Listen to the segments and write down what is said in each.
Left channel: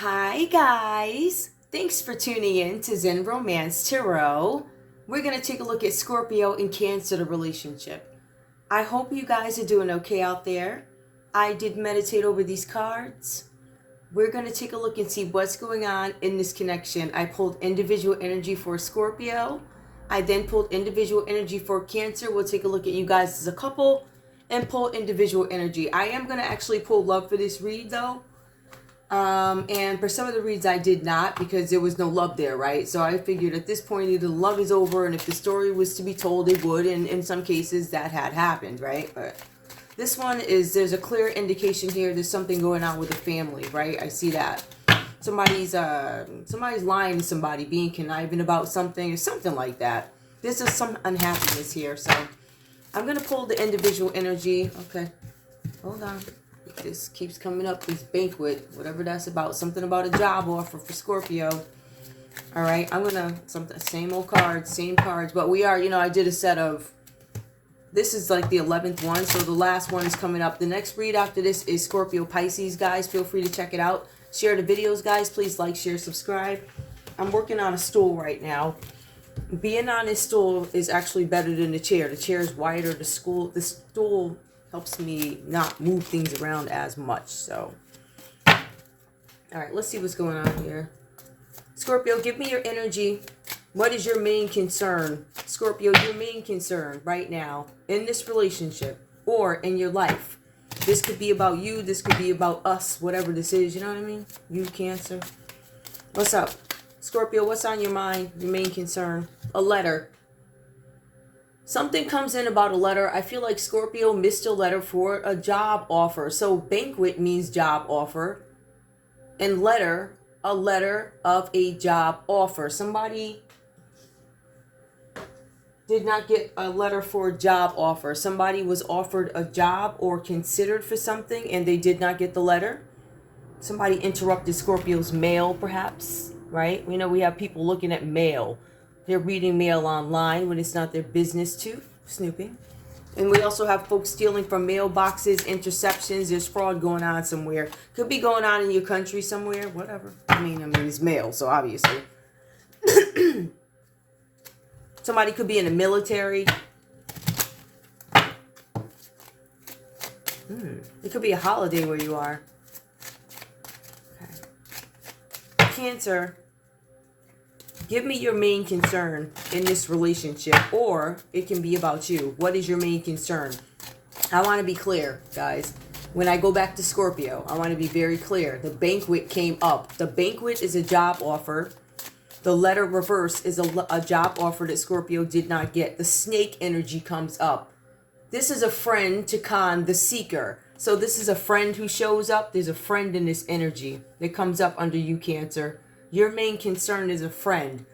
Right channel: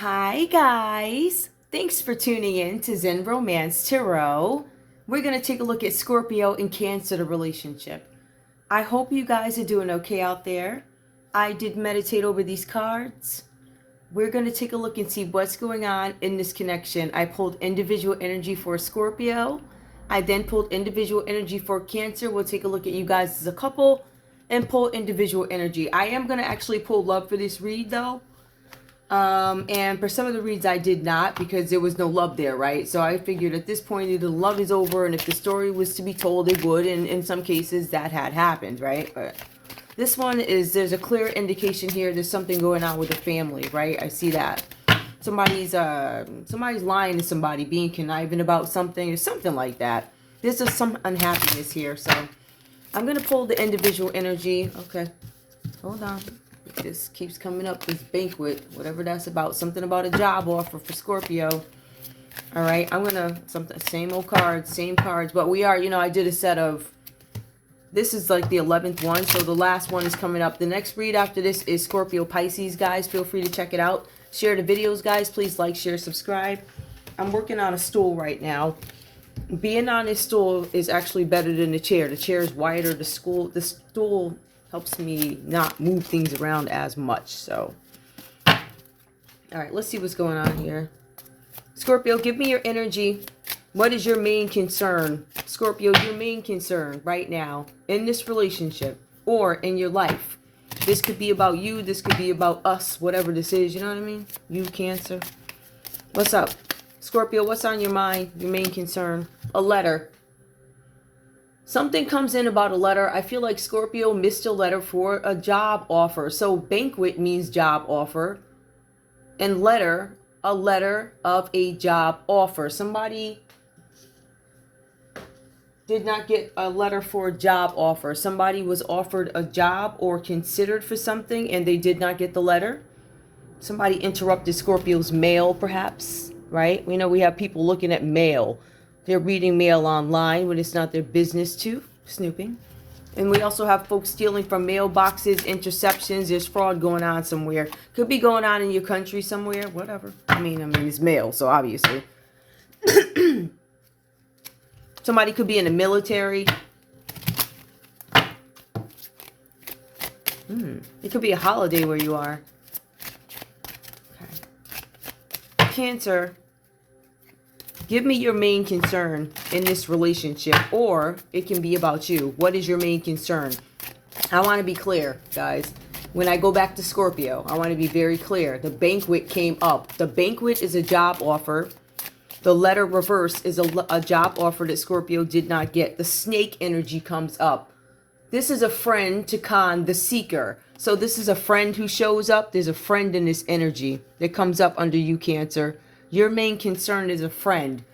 Hi guys! Thanks for tuning in to Zen Romance Tarot. We're going to take a look at Scorpio and Cancer, the relationship. I hope you guys are doing okay out there. I did meditate over these cards. We're going to take a look and see what's going on in this connection. I pulled individual energy for Scorpio. I then pulled individual energy for Cancer. We'll take a look at you guys as a couple and pull individual energy. I am going to actually pull love for this read though. And for some of the reads I did not because there was no love there, right? So I figured at this point either the love is over and if the story was to be told it would, and in some cases that had happened, right? But this one is, there's a clear indication here there's something going on with the family, right? I see that. Somebody's lying to somebody, being conniving about something or something like that. There's just some unhappiness here, so I'm going to pull the individual energy. Okay, hold on. This keeps coming up, this banquet, whatever that's about, something about a job offer for Scorpio. All right, I'm gonna, same old cards, same cards, but we are, I did a set of, this is like the 11th one, so the last one is coming up. The next read after this is Scorpio Pisces, guys. Feel free to check it out. Share the videos, guys. Please like, share, subscribe. I'm working on a stool right now. Being on this stool is actually better than the chair. The chair is wider, the stool helps me not move things around as much. So, all right, let's see what's going on here. Scorpio, give me your energy. What is your main concern? Scorpio, your main concern right now in this relationship or in your life. This could be about you. This could be about us, whatever this is. You know what I mean? You, Cancer. What's up? Scorpio, what's on your mind? Your main concern? A letter. Something comes in about a letter. I feel like Scorpio missed a letter for a job offer. So banquet means job offer. And letter, a letter of a job offer. Somebody did not get a letter for a job offer. Somebody was offered a job or considered for something and they did not get the letter. Somebody interrupted Scorpio's mail perhaps, right? We know we have people looking at mail. They're reading mail online when it's not their business to, snooping. And we also have folks stealing from mailboxes, interceptions. There's fraud going on somewhere. Could be going on in your country somewhere, whatever. I mean, it's mail, so obviously. Somebody could be in the military. It could be a holiday where you are. Okay. Cancer. Give me your main concern in this relationship, or it can be about you. What is your main concern? I want to be clear, guys. When I go back to Scorpio, I want to be very clear. The banquet came up. The banquet is a job offer. The letter reverse is a job offer that Scorpio did not get. The snake energy comes up. This is a friend to con the seeker. So this is a friend who shows up. There's a friend in this energy that comes up under you, Cancer. Your main concern is a friend.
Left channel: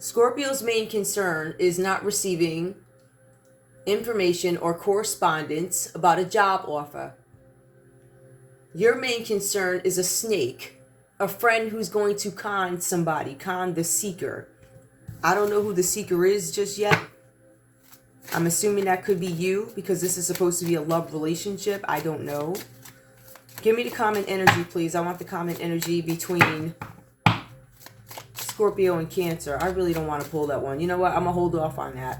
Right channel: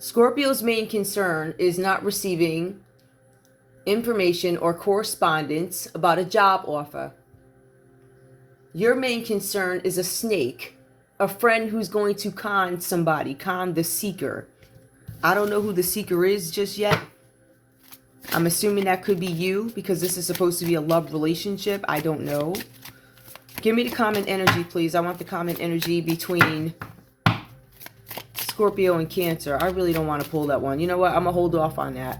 Scorpio's main concern is not receiving information or correspondence about a job offer. Your main concern is a snake, a friend who's going to con somebody, con the seeker. I don't know who the seeker is just yet. I'm assuming that could be you because this is supposed to be a love relationship. I don't know. Give me the common energy, please. I want the common energy between Scorpio and Cancer. I really don't want to pull that one. You know what? I'm going to hold off on that.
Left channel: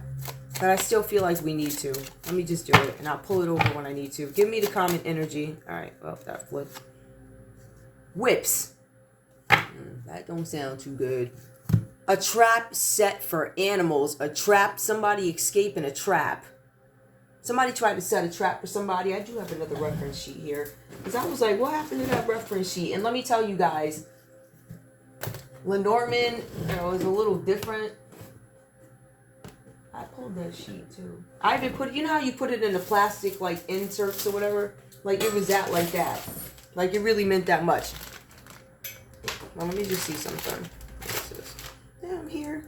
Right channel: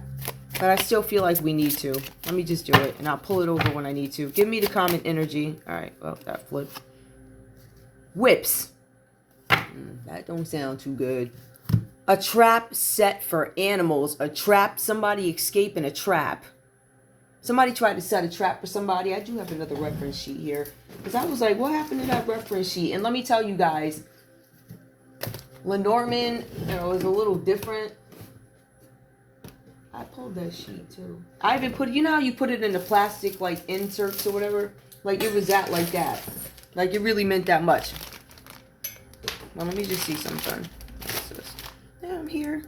But I still feel like we need to. Let me just do it. And I'll pull it over when I need to. Give me the common energy. All right. Well, that flipped. Whips. That don't sound too good. A trap set for animals. A trap. Somebody escaping a trap. Somebody tried to set a trap for somebody. I do have another reference sheet here. Because I was like, what happened to that reference sheet? And let me tell you guys, Lenormand, is a little different. I pulled that sheet too. I even put, how you put it in the plastic, like, inserts or whatever? Like, it was that like that. Like, it really meant that much. Well, let me just see something. What's this? Yeah, I'm here.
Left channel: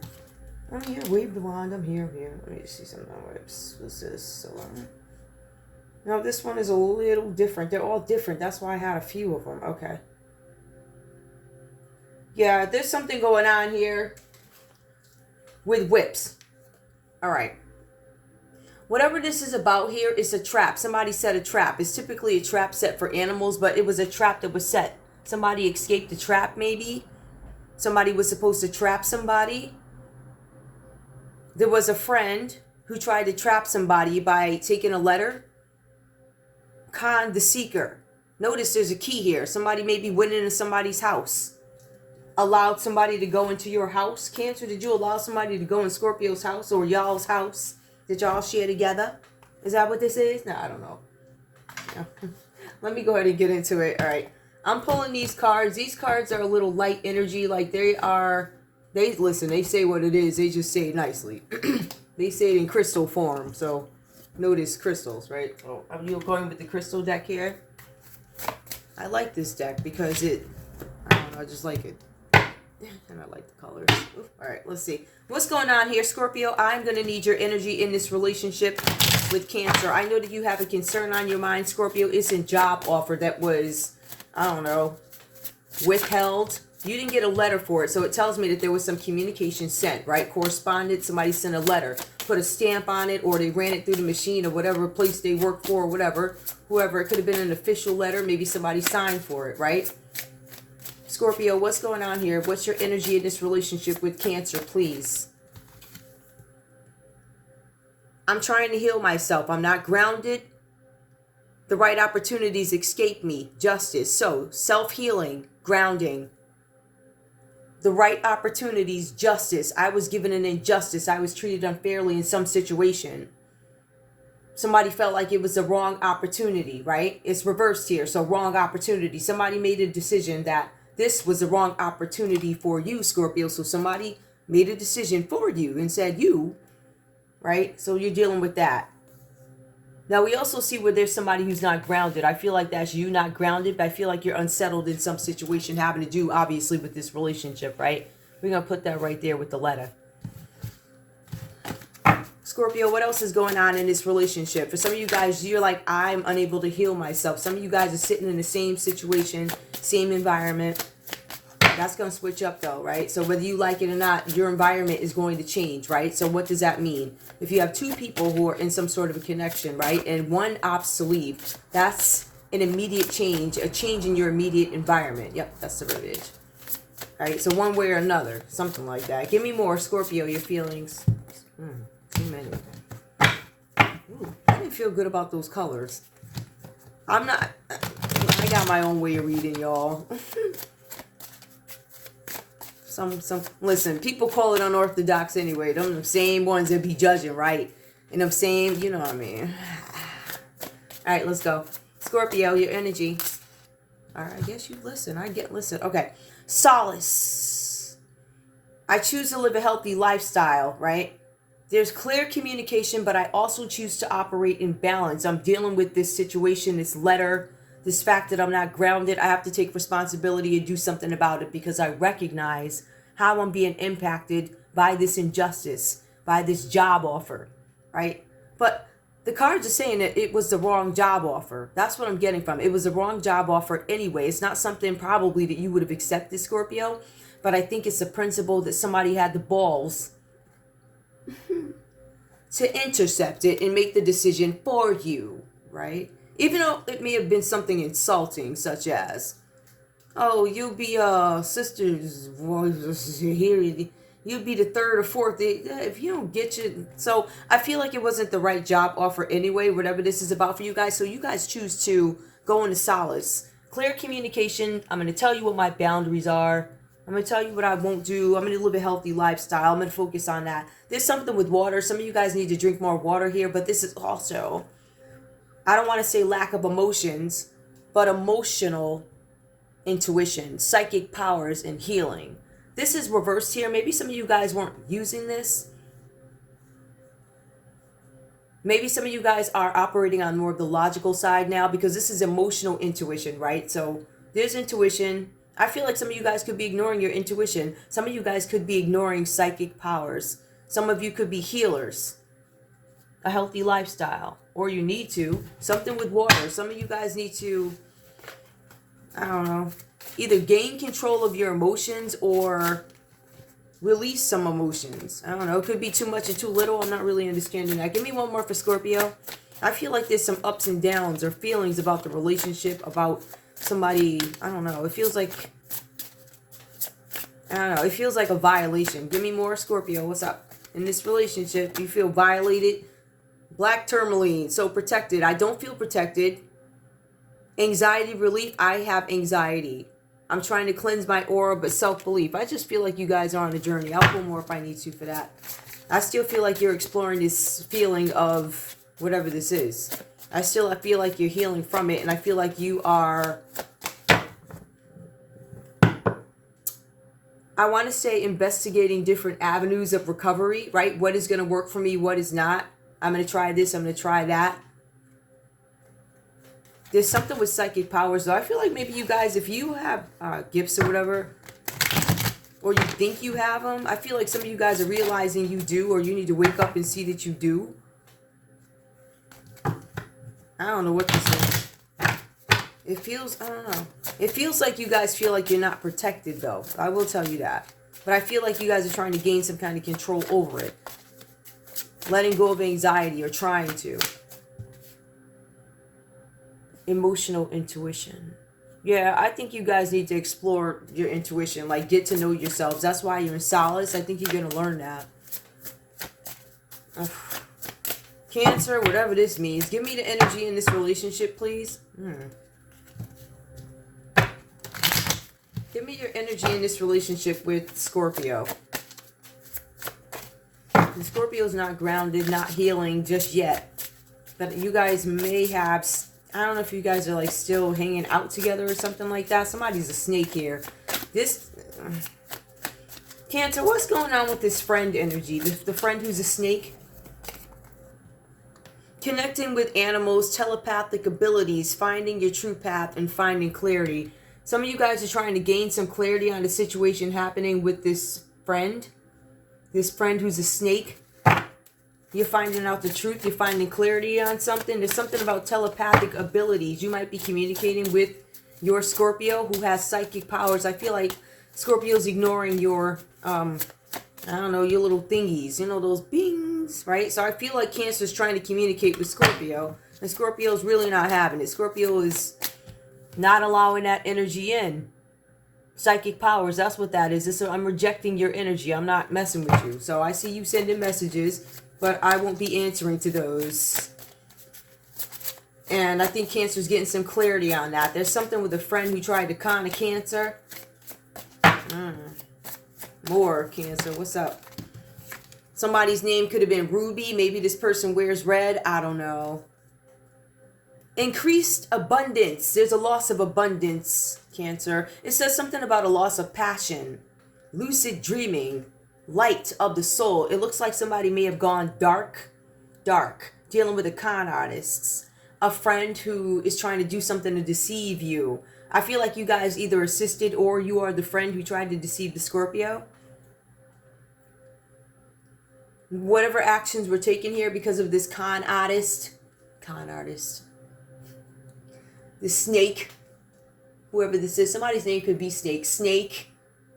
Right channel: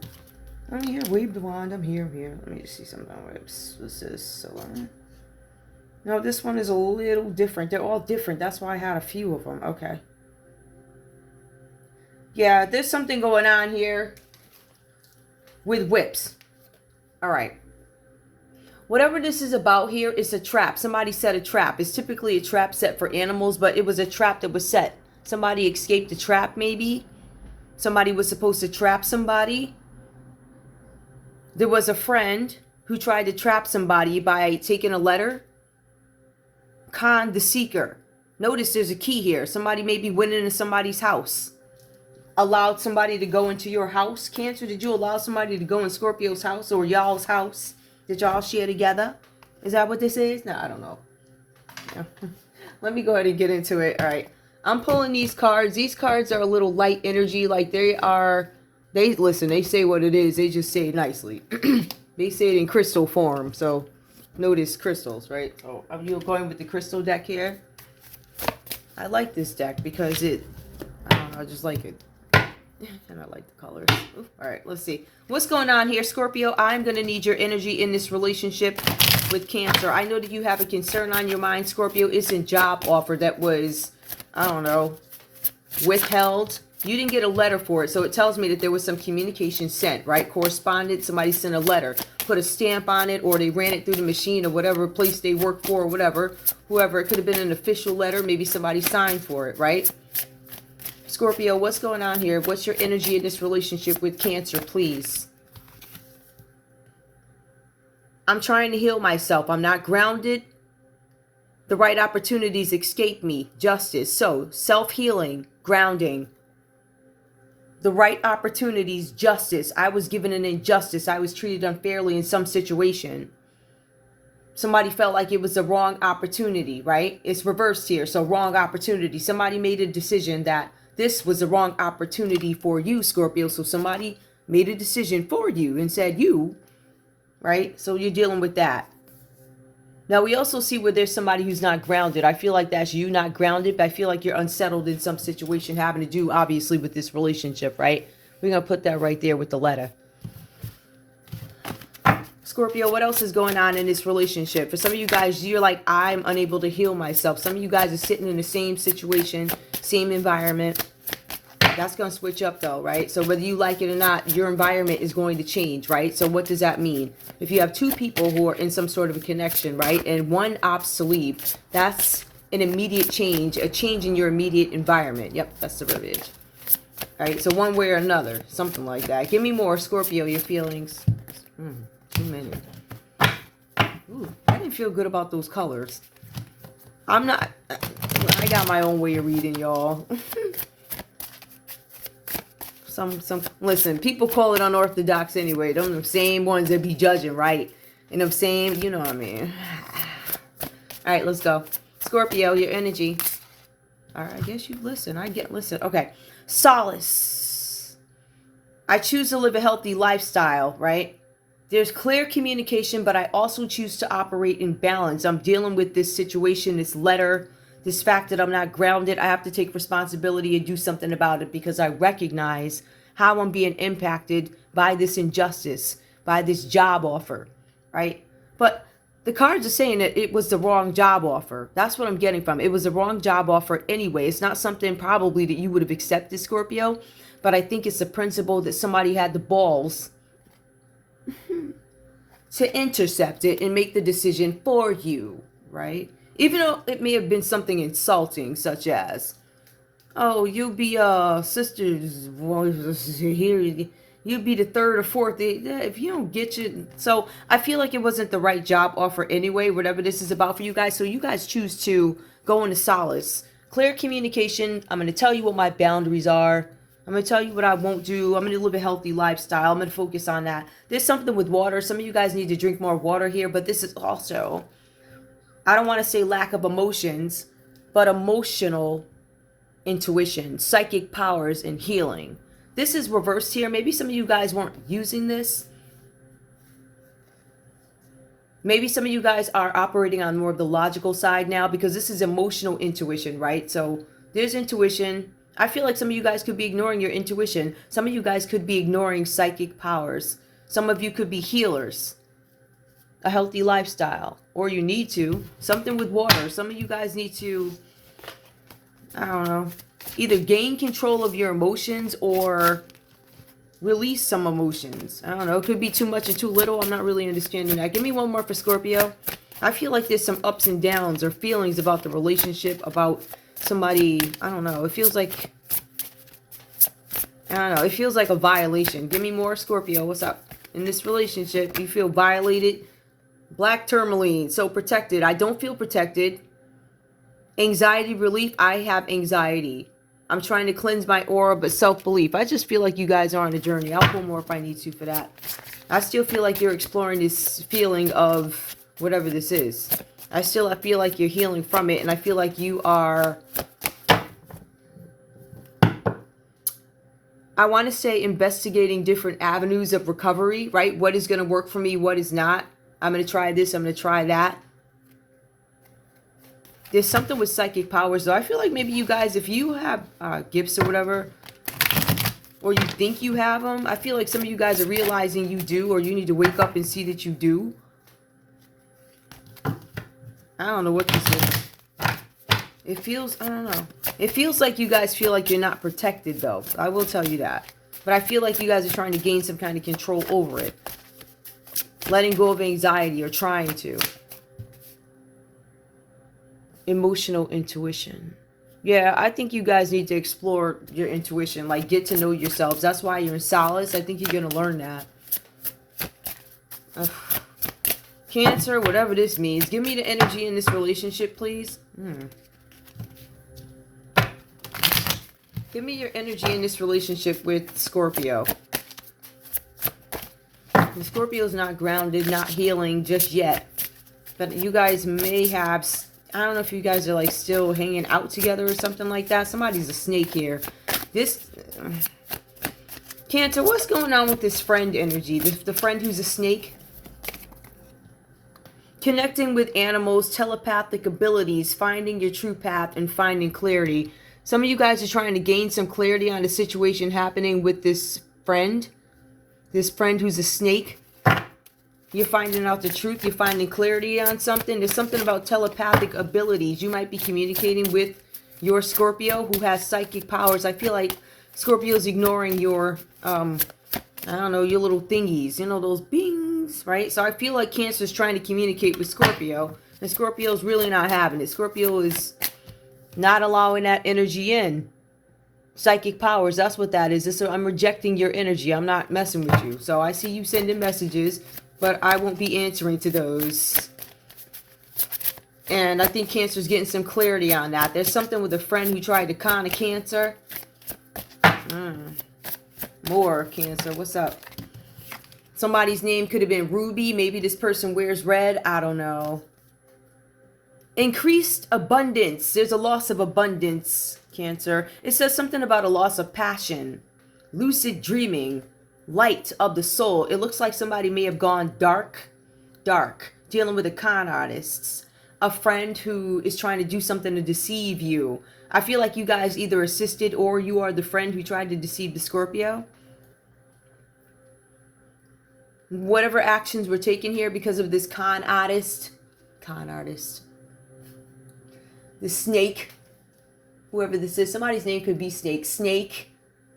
Wave the wand. I'm here. Let me just see something. What's this? So, no, this one is a little different. They're all different. That's why I had a few of them. Okay. Yeah, there's something going on here with whips. All right. Whatever this is about here is a trap. Somebody set a trap. It's typically a trap set for animals, but it was a trap that was set Somebody escaped the trap, maybe. Somebody was supposed to trap somebody. There was a friend who tried to trap somebody by taking a letter. Con the seeker. Notice there's a key here. Somebody maybe went into somebody's house. Allowed somebody to go into your house. Cancer, did you allow somebody to go in Scorpio's house or y'all's house? Did y'all share together? Is that what this is? No, I don't know. Yeah. Let me go ahead and get into it. All right. I'm pulling these cards. These cards are a little light energy. Like they listen, they say what it is. They just say it nicely. They say it in crystal form. So notice crystals, right? So I'm going with the crystal deck here. I like this deck because I don't know, I just like it. And I like the colors. Ooh, all right, let's see. What's going on here, Scorpio? I'm going to need your energy in this relationship with Cancer. I know that you have a concern on your mind, Scorpio. It's a job offer that was, I don't know, withheld. You didn't get a letter for it, so it tells me that there was some communication sent, right? Correspondence, somebody sent a letter, put a stamp on it, or they ran it through the machine or whatever place they work for or whatever. Whoever, it could have been an official letter. Maybe somebody signed for it, right? Scorpio, what's going on here? What's your energy in this relationship with Cancer, please? I'm trying to heal myself. I'm not grounded. The right opportunities escape me. Justice. So, self-healing, grounding. The right opportunities, justice. I was given an injustice. I was treated unfairly in some situation. Somebody felt like it was the wrong opportunity, right? It's reversed here. So, wrong opportunity. Somebody made a decision that this was the wrong opportunity for you, Scorpio. So somebody made a decision for you and said you, right? So you're dealing with that. Now we also see where there's somebody who's not grounded. I feel like that's you not grounded, but I feel like you're unsettled in some situation having to do, obviously, with this relationship, right? We're going to put that right there with the letter. Scorpio, what else is going on in this relationship? For some of you guys, you're like, I'm unable to heal myself. Some of you guys are sitting in the same situation, same environment. That's going to switch up though, right? So whether you like it or not, your environment is going to change, right? So what does that mean? If you have two people who are in some sort of a connection, right? And one opts to leave, that's an immediate change, a change in your immediate environment. Yep, that's the verbiage. All right, so one way or another, something like that. Give me more, Scorpio, your feelings. Too many. Ooh, I didn't feel good about those colors. I got my own way of reading, y'all. Listen, people call it unorthodox anyway. Them same ones that be judging, right? And them same, you know what I mean. All right, let's go. Scorpio, your energy. All right, I guess you listen. Listen. Okay. Solace. I choose to live a healthy lifestyle, right? There's clear communication, but I also choose to operate in balance. I'm dealing with this situation, this letter, this fact that I'm not grounded. I have to take responsibility and do something about it because I recognize how I'm being impacted by this injustice, by this job offer, right? But the cards are saying that it was the wrong job offer. That's what I'm getting from it. It was the wrong job offer anyway. It's not something probably that you would have accepted, Scorpio, but I think it's the principle that somebody had the balls to intercept it and make the decision for you, right? Even though it may have been something insulting, such as, oh, you be sister's voice here, you be the third or fourth. If you don't get you, so I feel like it wasn't the right job offer anyway. Whatever this is about for you guys, so you guys choose to go into solace, clear communication. I'm going to tell you what my boundaries are. I'm going to tell you what I won't do. I'm going to live a healthy lifestyle. I'm going to focus on that. There's something with water. Some of you guys need to drink more water here, but this is also, I don't want to say lack of emotions, but emotional intuition, psychic powers, and healing. This is reversed here. Maybe some of you guys weren't using this. Maybe some of you guys are operating on more of the logical side now because this is emotional intuition, right? So there's intuition. I feel like some of you guys could be ignoring your intuition. Some of you guys could be ignoring psychic powers. Some of you could be healers. A healthy lifestyle. Or you need to. Something with water. Some of you guys need to, I don't know, either gain control of your emotions or release some emotions. I don't know. It could be too much or too little. I'm not really understanding that. Give me one more for Scorpio. I feel like there's some ups and downs or feelings about the relationship, about somebody, I don't know, it feels like, I don't know, it feels like a violation. Give me more, Scorpio. What's up? In this relationship, you feel violated. Black tourmaline, so protected. I don't feel protected. Anxiety relief, I have anxiety. I'm trying to cleanse my aura, but self-belief. I just feel like you guys are on a journey. I'll pull more if I need to for that. I still feel like you're exploring this feeling of whatever this is. I feel like you're healing from it, and I feel like you are, I want to say, investigating different avenues of recovery, right? What is going to work for me, what is not. I'm going to try this, I'm going to try that. There's something with psychic powers, though. I feel like maybe you guys, if you have gifts or whatever, or you think you have them, I feel like some of you guys are realizing you do, or you need to wake up and see that you do. I don't know what this is. It feels, I don't know. It feels like you guys feel like you're not protected, though. I will tell you that. But I feel like you guys are trying to gain some kind of control over it. Letting go of anxiety, or trying to. Emotional intuition. Yeah, I think you guys need to explore your intuition. Like, get to know yourselves. That's why you're in solace. I think you're going to learn that. Ugh. Cancer, whatever this means. Give me the energy in this relationship, please. Give me your energy in this relationship with Scorpio. The Scorpio's not grounded, not healing just yet. But you guys may have... I don't know if you guys are like still hanging out together or something like that. Somebody's a snake here. This Cancer, what's going on with this friend energy? The friend who's a snake? Connecting with animals, telepathic abilities, finding your true path, and finding clarity. Some of you guys are trying to gain some clarity on the situation happening with this friend. This friend who's a snake. You're finding out the truth. You're finding clarity on something. There's something about telepathic abilities. You might be communicating with your Scorpio who has psychic powers. I feel like Scorpio's ignoring your, I don't know, your little thingies. You know, those bings, right? So I feel like Cancer's trying to communicate with Scorpio. And Scorpio's really not having it. Scorpio is not allowing that energy in. Psychic powers, that's what that is. I'm rejecting your energy. I'm not messing with you. So I see you sending messages, but I won't be answering to those. And I think Cancer's getting some clarity on that. There's something with a friend who tried to con a Cancer. More Cancer. What's up? Somebody's name could have been Ruby. Maybe this person wears red. I don't know. Increased abundance. There's a loss of abundance, Cancer. It says something about a loss of passion. Lucid dreaming. Light of the soul. It looks like somebody may have gone dark. Dealing with the con artists. A friend who is trying to do something to deceive you. I feel like you guys either assisted or you are the friend who tried to deceive the Scorpio. Whatever actions were taken here because of this con artist. The snake. Whoever this is. Somebody's name could be Snake.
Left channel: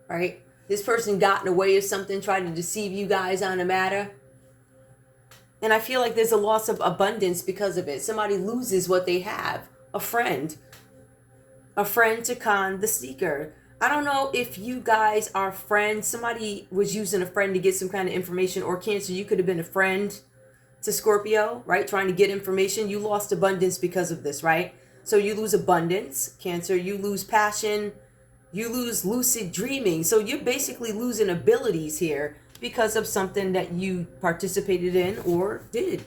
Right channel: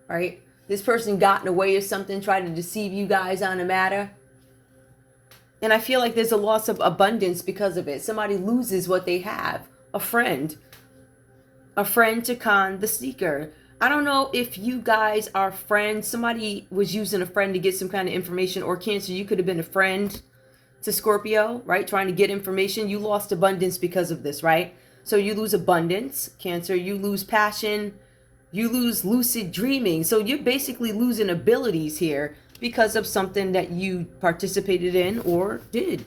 Right? This person got in the way of something, tried to deceive you guys on a matter. And I feel like there's a loss of abundance because of it. Somebody loses what they have. A friend. A friend to con the seeker. I don't know if you guys are friends. Somebody was using a friend to get some kind of information. Or Cancer, you could have been a friend to Scorpio, right? Trying to get information. You lost abundance because of this, right? So you lose abundance, Cancer. You lose passion. You lose lucid dreaming. So you're basically losing abilities here because of something that you participated in or did.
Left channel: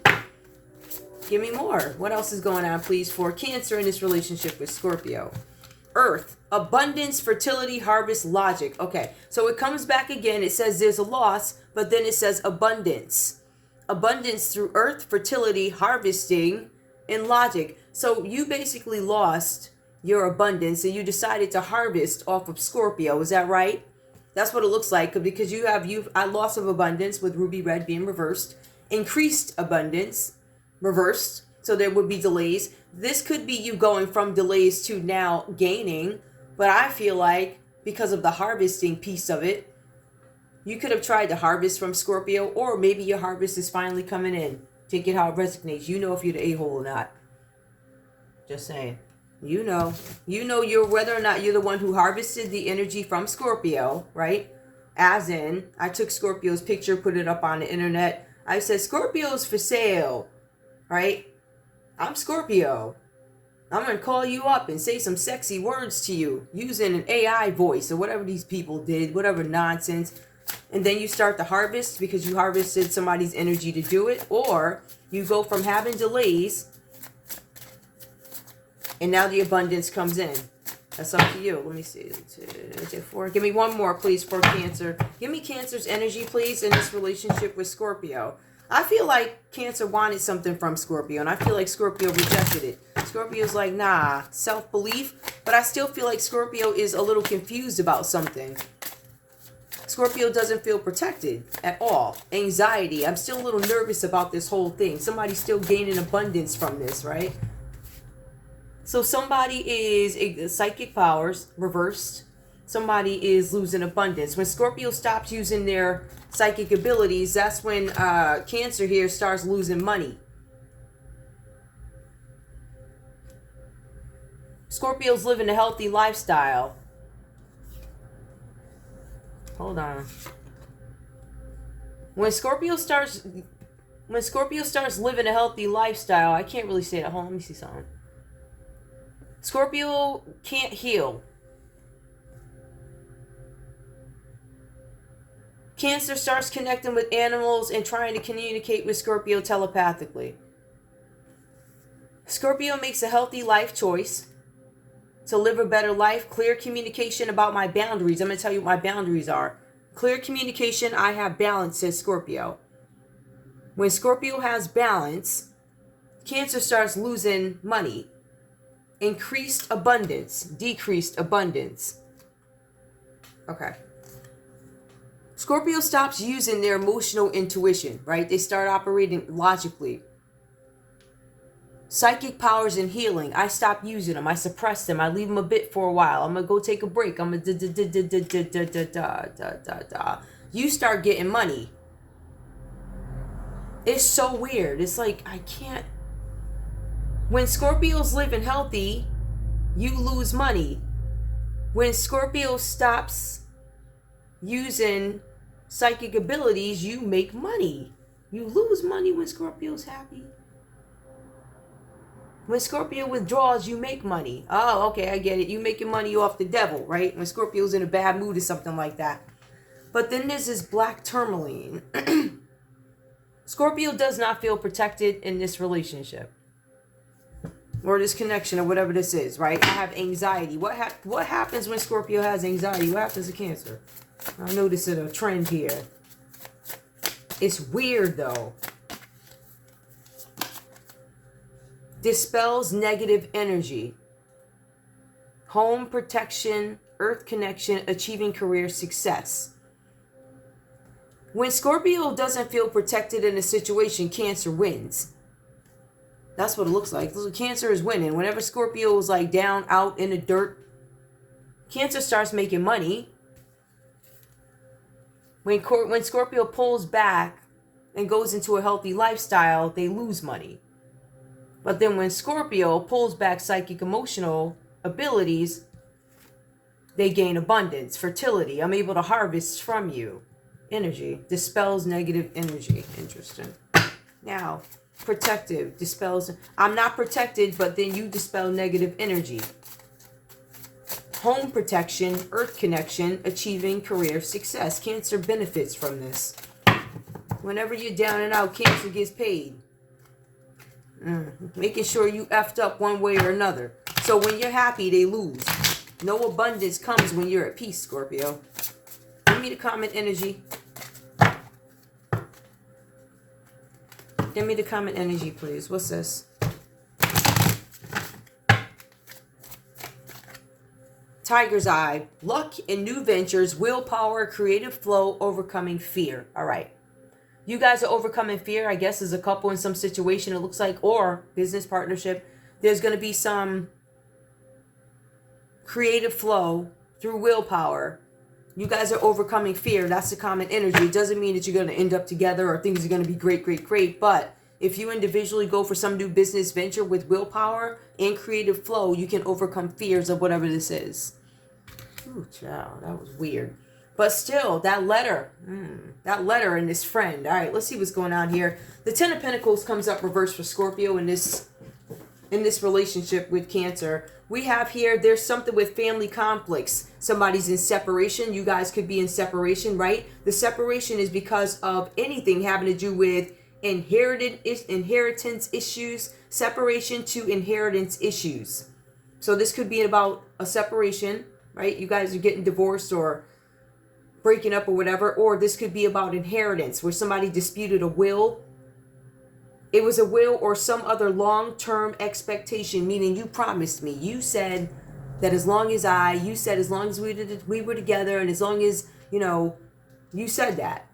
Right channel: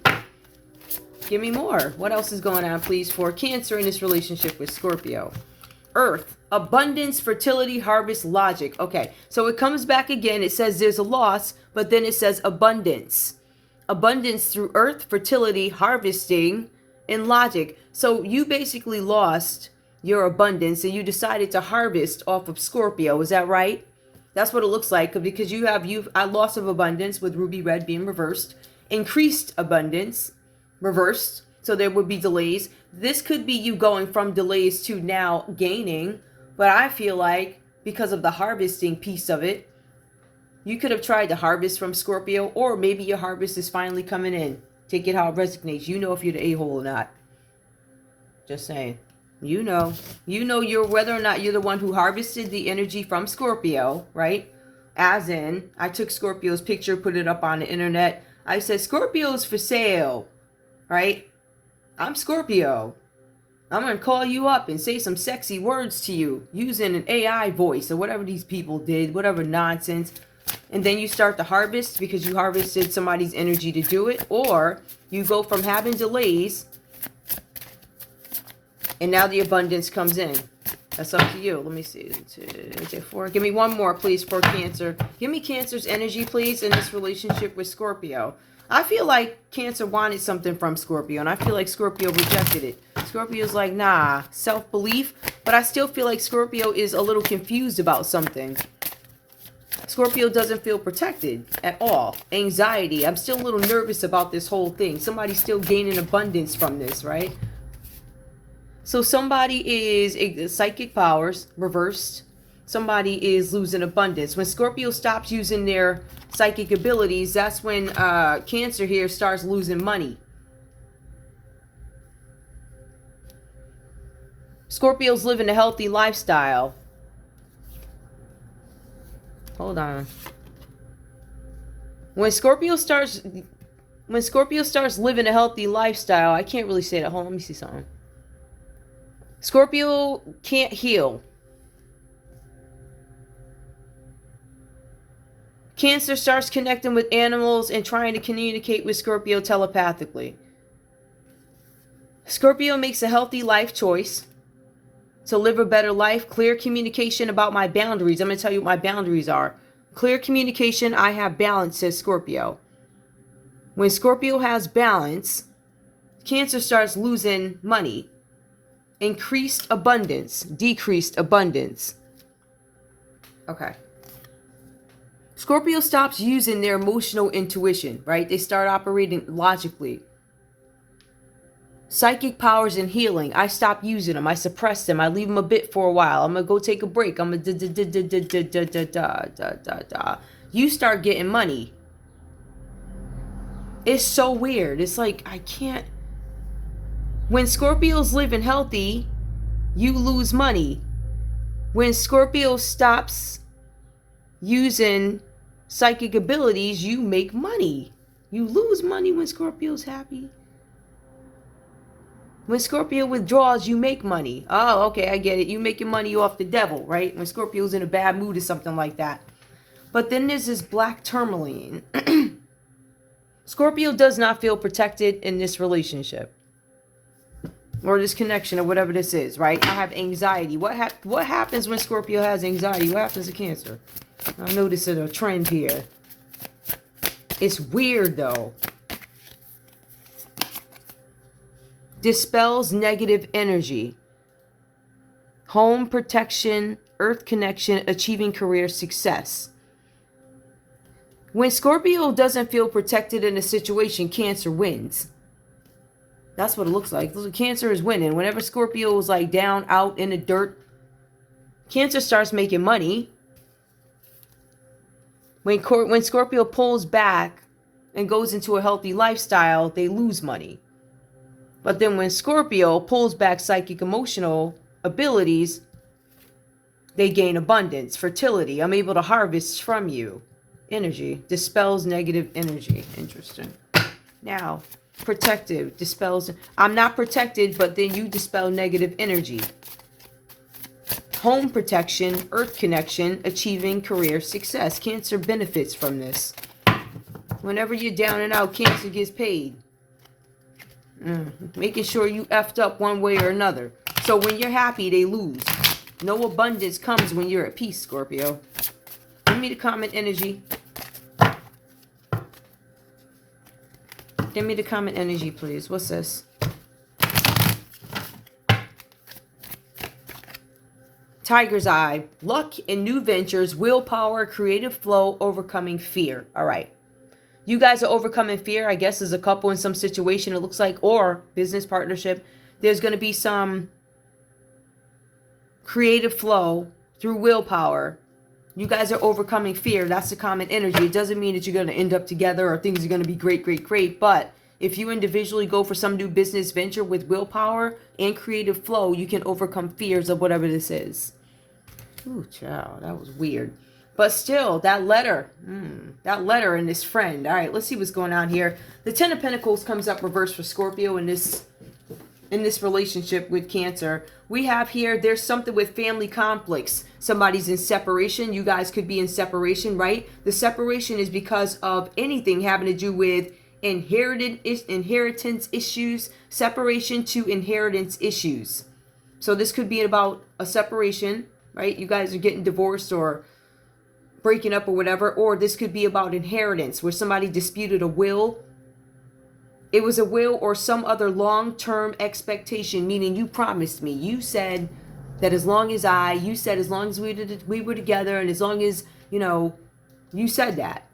Give me more. What else is going on, please, for Cancer in this relationship with Scorpio? Earth, abundance, fertility, harvest, logic. Okay, so it comes back again. It says there's a loss, but then it says abundance. Abundance through earth, fertility, harvesting, and logic. So you basically lost your abundance and you decided to harvest off of Scorpio. Is that right? That's what it looks like, because you have a loss of abundance with ruby red being reversed, increased abundance reversed, so there would be delays. This could be you going from delays to now gaining, but I feel like because of the harvesting piece of it, you could have tried to harvest from Scorpio, or maybe your harvest is finally coming in. Take it how it resonates. You know if you're the a-hole or not. Just saying. You know. You know you're whether or not you're the one who harvested the energy from Scorpio, right? As in, I took Scorpio's picture, put it up on the internet. I said, Scorpio's for sale, right? I'm Scorpio. I'm going to call you up and say some sexy words to you using an AI voice or whatever these people did, whatever nonsense. And then you start to harvest because you harvested somebody's energy to do it. Or you go from having delays and now the abundance comes in. That's up to you. Let me see. Give me one more, please, for Cancer. Give me Cancer's energy, please, in this relationship with Scorpio. I feel like Cancer wanted something from Scorpio, and I feel like Scorpio rejected it. Scorpio's like, nah, self-belief. But I still feel like Scorpio is a little confused about something. Scorpio doesn't feel protected at all. Anxiety. I'm still a little nervous about this whole thing. Somebody's still gaining abundance from this, right? So somebody is psychic powers reversed. Somebody is losing abundance. When Scorpio stops using their psychic abilities, that's when Cancer here starts losing money. Scorpio's living a healthy lifestyle. Hold on. When Scorpio starts living a healthy lifestyle, I can't really say that. Hold on, let me see something. Scorpio can't heal. Cancer starts connecting with animals and trying to communicate with Scorpio telepathically. Scorpio makes a healthy life choice to live a better life. Clear communication about my boundaries. I'm going to tell you what my boundaries are. Clear communication, I have balance, says Scorpio. When Scorpio has balance, Cancer starts losing money. Increased abundance, decreased abundance. Okay. Scorpio stops using their emotional intuition, right? They start operating logically. Psychic powers and healing, I stop using them. I suppress them. I leave them a bit for a while. I'm going to go take a break. I'm going to You start getting money. It's so weird. It's like, I can't. When Scorpio's living healthy, you lose money. When Scorpio stops using psychic abilities, you make money. You lose money when Scorpio's happy. When Scorpio withdraws, you make money. Oh, okay, I get it. You making money off the devil, right? When Scorpio's in a bad mood or something like that. But then there's this black tourmaline. Scorpio does not feel protected in this relationship. Or this connection or whatever this is, right? I have anxiety. What happens when Scorpio has anxiety? What happens to Cancer? I notice a trend here. It's weird though. Dispels negative energy. Home protection, earth connection, achieving career success. When Scorpio doesn't feel protected in a situation, Cancer wins. That's what it looks like. Cancer is winning. Whenever Scorpio is like down, out in the dirt, Cancer starts making money. When Scorpio pulls back and goes into a healthy lifestyle, they lose money. But then when Scorpio pulls back psychic emotional abilities, they gain abundance, fertility. I'm able to harvest from you. Energy. Dispels negative energy. Interesting. Now, protective. Dispels. I'm not protected, but then you dispel negative energy. Home protection, earth connection, achieving career success. Cancer benefits from this. Whenever you're down and out, Cancer gets paid. Making sure you effed up one way or another. So when you're happy, they lose. No abundance comes when you're at peace, Scorpio. Give me the comment energy. Give me the comment energy, please. What's this? Tiger's Eye. Luck and new ventures, willpower, creative flow, overcoming fear. All right. You guys are overcoming fear, I guess, as a couple in some situation, it looks like, or business partnership. There's going to be some creative flow through willpower. You guys are overcoming fear. That's the common energy. It doesn't mean that you're going to end up together or things are going to be great, great, great. But If you individually go for some new business venture with willpower and creative flow, you can overcome fears of whatever this is. Ooh, child, that was weird. But still, that letter and this friend. All right, let's see what's going on here. The Ten of Pentacles comes up reversed for Scorpio in this relationship with Cancer. We have here, there's something with family conflicts. Somebody's in separation. You guys could be in separation, right? The separation is because of anything having to do with inheritance issues, separation to inheritance issues. So this could be about a separation, right? You guys are getting divorced or breaking up or whatever. Or this could be about inheritance, where somebody disputed a will. It was a will or some other long-term expectation, meaning you promised me. You said that as long as we were together, and as long as, you said that.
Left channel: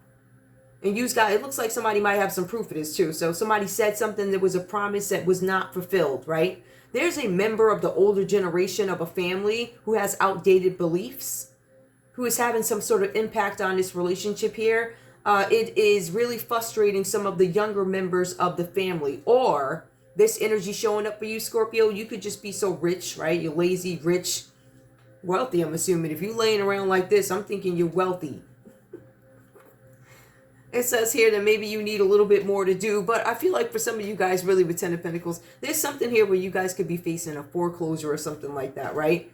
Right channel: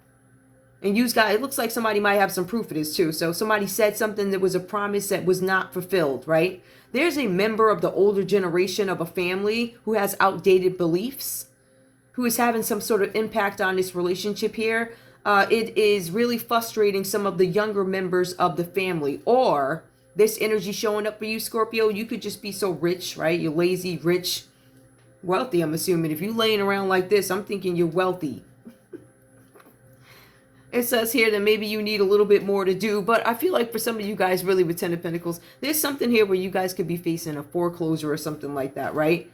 And you guys, it looks like somebody might have some proof of this too. So somebody said something that was a promise that was not fulfilled, right? There's a member of the older generation of a family who has outdated beliefs, who is having some sort of impact on this relationship here. It is really frustrating some of the younger members of the family. Or this energy showing up for you, Scorpio, you could just be so rich, right? You're lazy, rich, wealthy, I'm assuming. If you're laying around like this, I'm thinking you're wealthy. It says here that maybe you need a little bit more to do, but I feel like for some of you guys really with Ten of Pentacles, there's something here where you guys could be facing a foreclosure or something like that, right?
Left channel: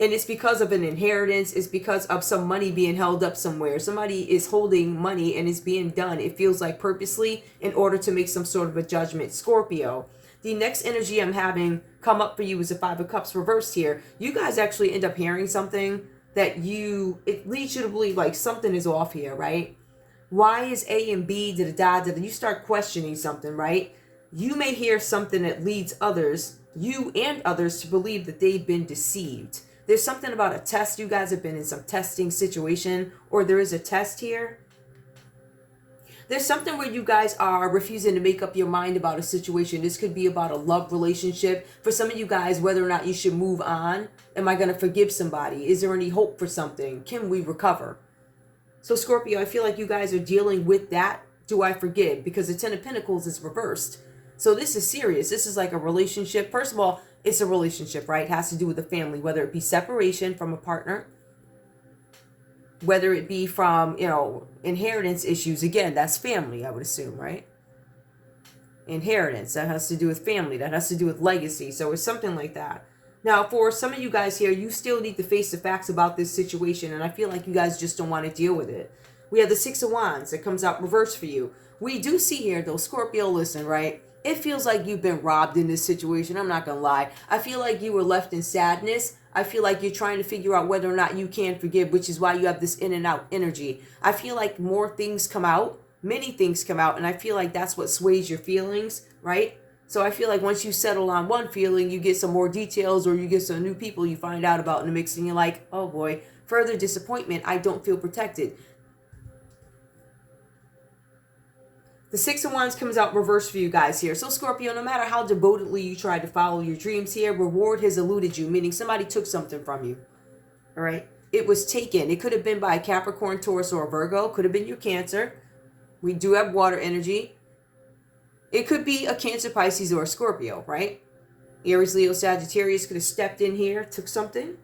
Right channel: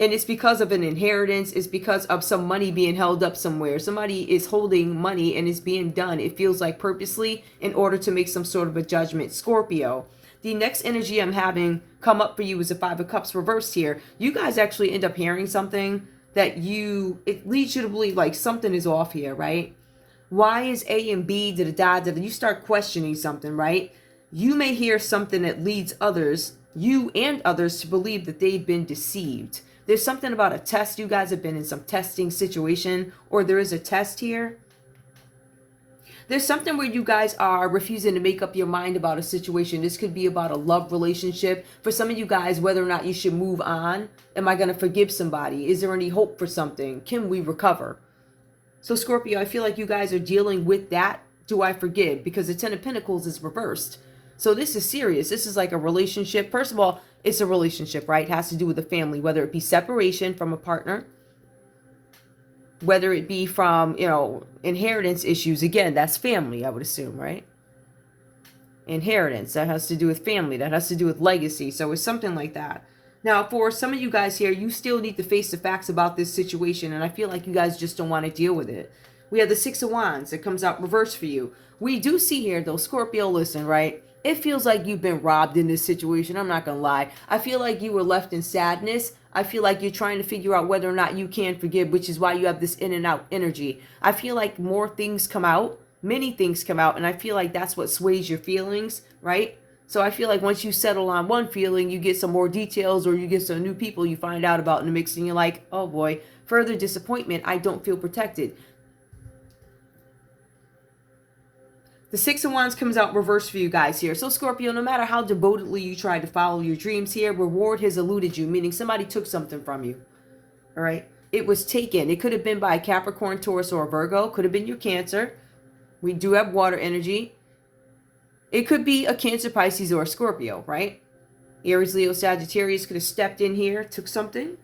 And it's because of an inheritance. It's because of some money being held up somewhere. Somebody is holding money and it's being done, it feels like purposely, in order to make some sort of a judgment. Scorpio, the next energy I'm having come up for you is a Five of Cups reversed here. You guys actually end up hearing something that it leads you to believe like something is off here, right? Why is A and B, you start questioning something, right? You may hear something that leads you and others to believe that they've been deceived. There's something about a test. You guys have been in some testing situation, or there is a test here. There's something where you guys are refusing to make up your mind about a situation. This could be about a love relationship. For some of you guys, whether or not you should move on. Am I going to forgive somebody? Is there any hope for something? Can we recover? So Scorpio, I feel like you guys are dealing with that. Do I forgive? Because the Ten of Pentacles is reversed. So this is serious. This is like a relationship. First of all, it's a relationship, right? It has to do with the family, whether it be separation from a partner, whether it be from, inheritance issues. Again, that's family, I would assume, right? Inheritance, that has to do with family. That has to do with legacy. So it's something like that. Now, for some of you guys here, you still need to face the facts about this situation, and I feel like you guys just don't want to deal with it. We have the Six of Wands that comes out reversed for you. We do see here, though, Scorpio, listen, right? It feels like you've been robbed in this situation. I'm not going to lie. I feel like you were left in sadness. I feel like you're trying to figure out whether or not you can forgive, which is why you have this in and out energy. I feel like more things come out, many things come out, and I feel like that's what sways your feelings, right? So I feel like once you settle on one feeling, you get some more details, or you get some new people you find out about in the mix, and you're like, oh boy, further disappointment. I don't feel protected. The Six of Wands comes out reversed for you guys here. So Scorpio, no matter how devotedly you try to follow your dreams here, reward has eluded you, meaning somebody took something from you. All right. It was taken. It could have been by a Capricorn, Taurus, or a Virgo. Could have been your Cancer. We do have water energy. It could be a Cancer, Pisces, or a Scorpio, right? Aries, Leo, Sagittarius could have stepped in here, took something.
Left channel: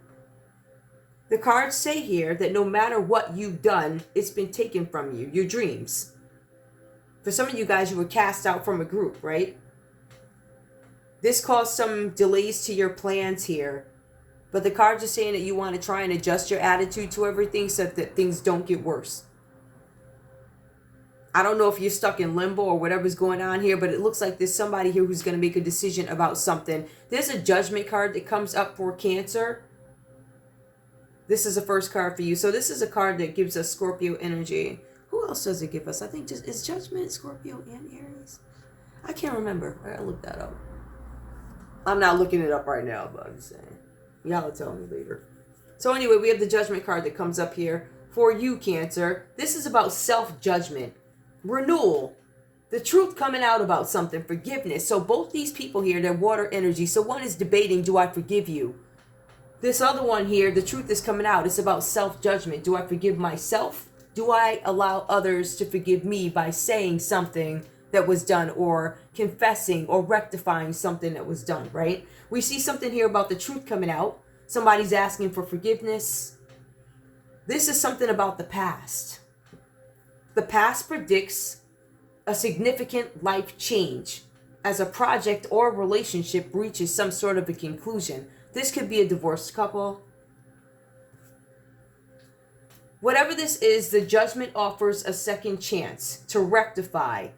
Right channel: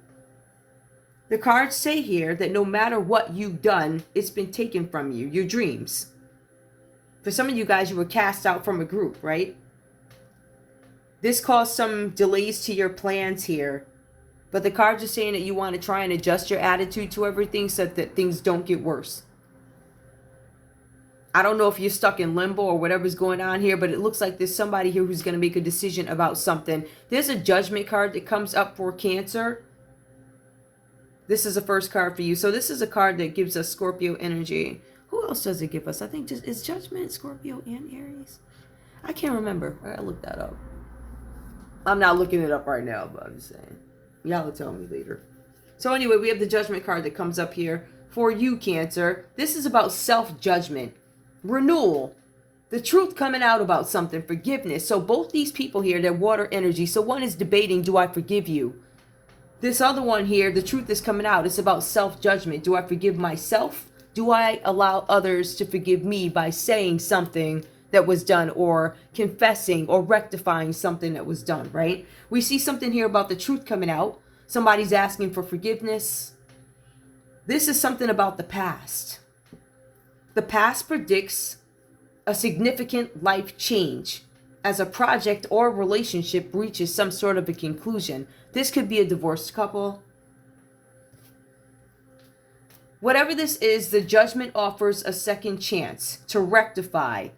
The cards say here that no matter what you've done, it's been taken from you, your dreams. For some of you guys, you were cast out from a group, right? This caused some delays to your plans here. But the cards are saying that you want to try and adjust your attitude to everything so that things don't get worse. I don't know if you're stuck in limbo or whatever's going on here, but it looks like there's somebody here who's going to make a decision about something. There's a Judgment card that comes up for Cancer. This is the first card for you. So this is a card that gives us Scorpio energy. Who else does it give us? I think is Judgment Scorpio and Aries? I can't remember. I'll look that up. I'm not looking it up right now, but I'm just saying. Y'all will tell me later. So anyway, we have the Judgment card that comes up here for you, Cancer. This is about self-judgment, renewal, the truth coming out about something, forgiveness. So both these people here, they're water energy. So one is debating, do I forgive you? This other one here, the truth is coming out. It's about self-judgment. Do I forgive myself? Do I allow others to forgive me by saying something that was done, or confessing or rectifying something that was done, right? We see something here about the truth coming out. Somebody's asking for forgiveness. This is something about the past. The past predicts a significant life change as a project or relationship reaches some sort of a conclusion. This could be a divorced couple. Whatever this is, the judgment offers a second chance to rectify,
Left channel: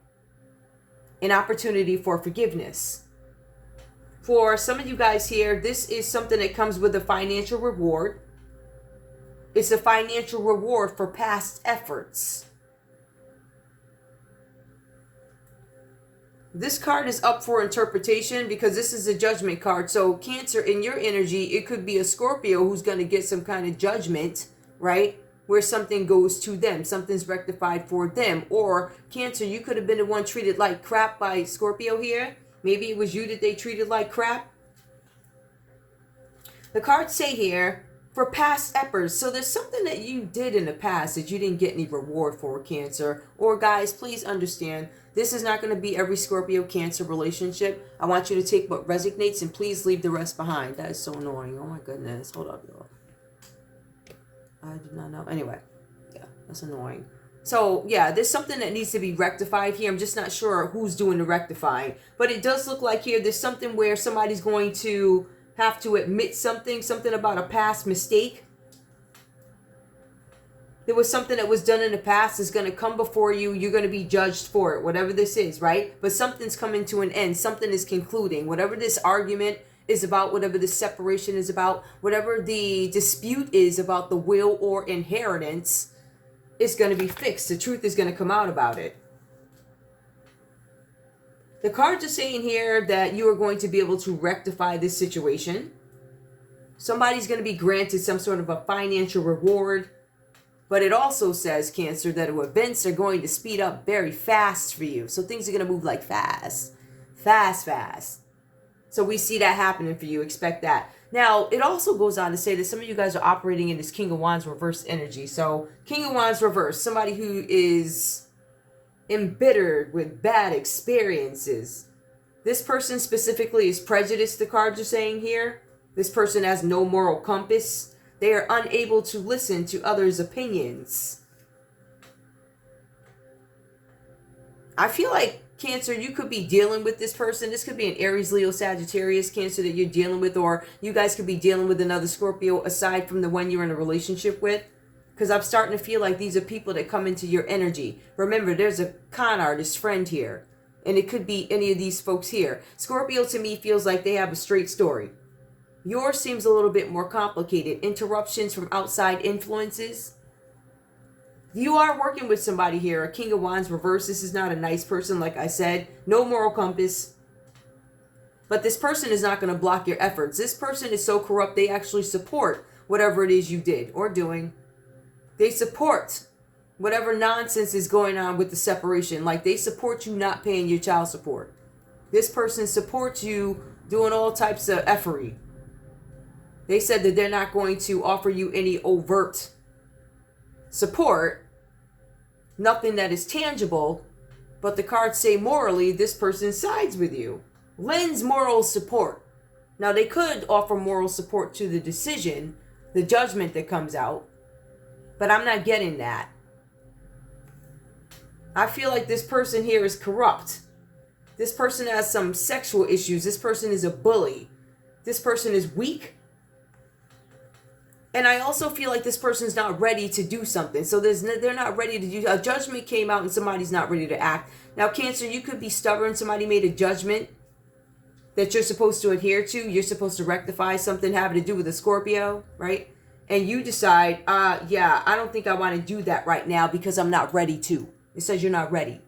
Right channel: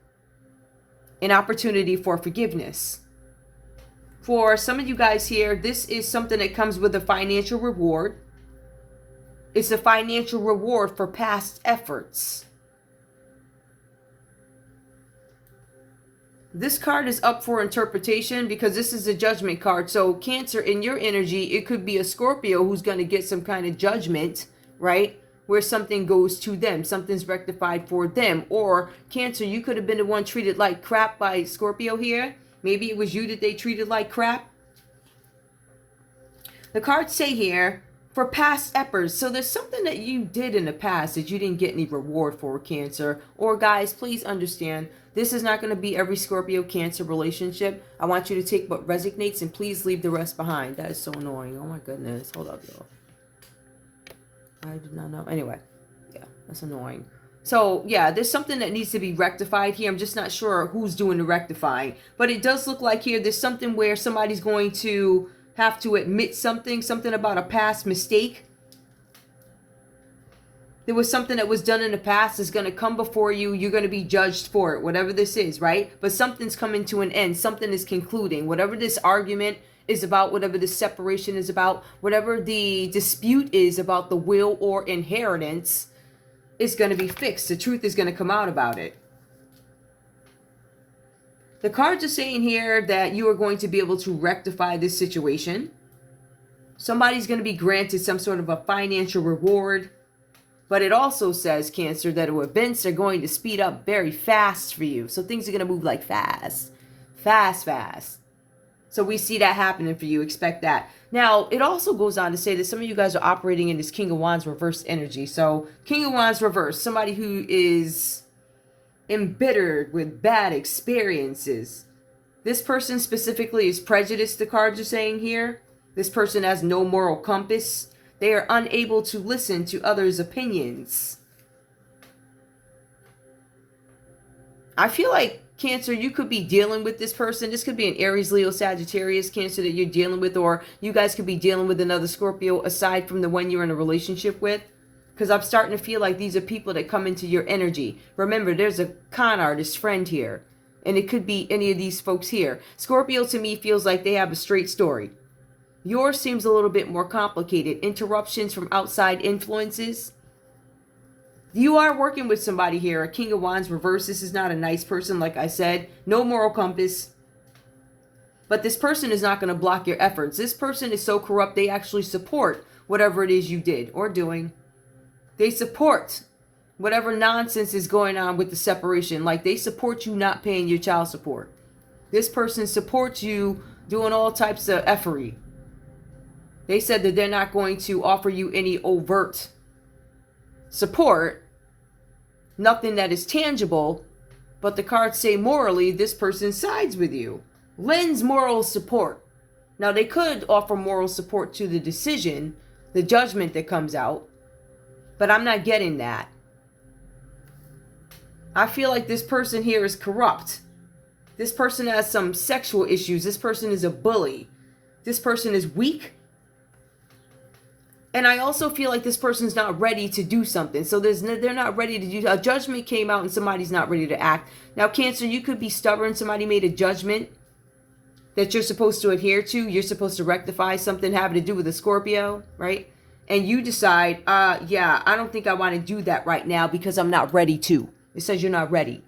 an opportunity for forgiveness. For some of you guys here, this is something that comes with a financial reward. It's a financial reward for past efforts. This card is up for interpretation because this is a judgment card. So Cancer, in your energy, it could be a Scorpio who's going to get some kind of judgment, right? Where something goes to them, something's rectified for them. Or Cancer, you could have been the one treated like crap by Scorpio here. Maybe it was you that they treated like crap. The cards say here, for past efforts. So there's something that you did in the past that you didn't get any reward for, Cancer. Or guys, please understand, this is not going to be every Scorpio Cancer relationship. I want you to take what resonates and please leave the rest behind. That is so annoying. Oh my goodness. Hold up, y'all. I did not know. Anyway, yeah, that's annoying. So yeah, there's something that needs to be rectified here. I'm just not sure who's doing the rectifying. But it does look like here there's something where somebody's going to have to admit something about a past mistake. There was something that was done in the past is going to come before you. You're going to be judged for it, whatever this is, right? But something's coming to an end. Something is concluding. Whatever this argument is about, whatever this separation is about, whatever the dispute is about the will or inheritance, is going to be fixed. The truth is going to come out about it. The cards are saying here that you are going to be able to rectify this situation. Somebody's going to be granted some sort of a financial reward. But it also says, Cancer, that events are going to speed up very fast for you. So things are going to move like fast. Fast. So we see that happening for you. Expect that. Now, it also goes on to say that some of you guys are operating in this King of Wands reverse energy. So King of Wands reverse, somebody who is embittered with bad experiences. This person specifically is prejudiced, the cards are saying here. This person has no moral compass. They are unable to listen to others' opinions. I feel like, Cancer, you could be dealing with this person. This could be an Aries, Leo, Sagittarius, Cancer, that you're dealing with. Or you guys could be dealing with another Scorpio aside from the one you're in a relationship with. Because I'm starting to feel like these are people that come into your energy. Remember, there's a con artist friend here. And it could be any of these folks here. Scorpio, to me, feels like they have a straight story. Yours seems a little bit more complicated. Interruptions from outside influences. You are working with somebody here. A King of Wands reverse. This is not a nice person, like I said. No moral compass. But this person is not going to block your efforts. This person is so corrupt, they actually support whatever it is you did or doing. They support whatever nonsense is going on with the separation. Like they support you not paying your child support. This person supports you doing all types of effery. They said that they're not going to offer you any overt support. Nothing that is tangible. But the cards say morally, this person sides with you. Lends moral support. Now they could offer moral support to the decision, the judgment that comes out. But I'm not getting that. I feel like this person here is corrupt. This person has some sexual issues. This person is a bully. This person is weak. And I also feel like this person's not ready to do something. So they're not ready to do. A judgment came out and somebody's not ready to act. Now, Cancer, you could be stubborn. Somebody made a judgment that you're supposed to adhere to. You're supposed to rectify something having to do with a Scorpio, right? And you decide, yeah, I don't think I want to do that right now because I'm not ready to. It says you're not ready.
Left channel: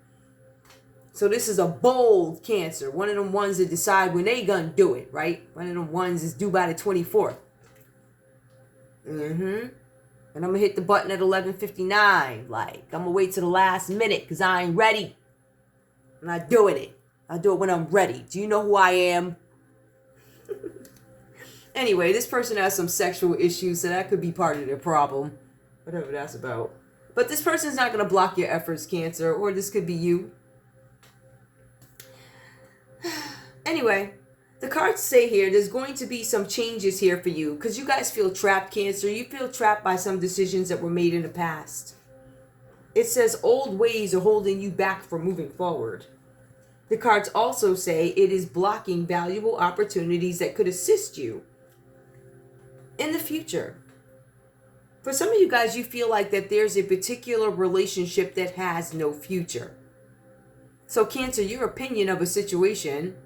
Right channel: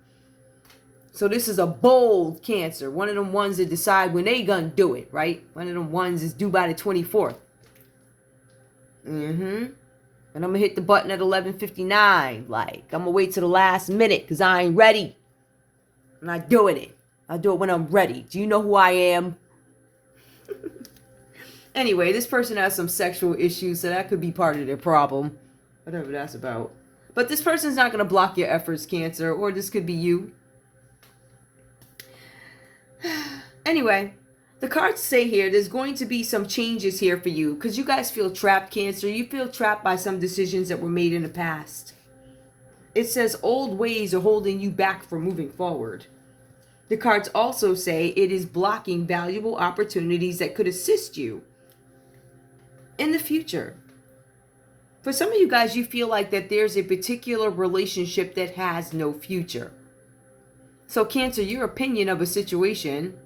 So this is a bold Cancer. One of them ones that decide when they gonna do it, right? One of them ones is due by the 24th. And I'm gonna hit the button at 11:59. Like, I'm gonna wait till the last minute because I ain't ready. I'm not doing it. I'll do it when I'm ready. Do you know who I am? Anyway, this person has some sexual issues, so that could be part of their problem. Whatever that's about. But this person's not going to block your efforts, Cancer, or this could be you. Anyway, the cards say here there's going to be some changes here for you because you guys feel trapped, Cancer. You feel trapped by some decisions that were made in the past. It says old ways are holding you back from moving forward. The cards also say it is blocking valuable opportunities that could assist you in the future. For some of you guys, you feel like that there's a particular relationship that has no future. So Cancer, your opinion of a situation,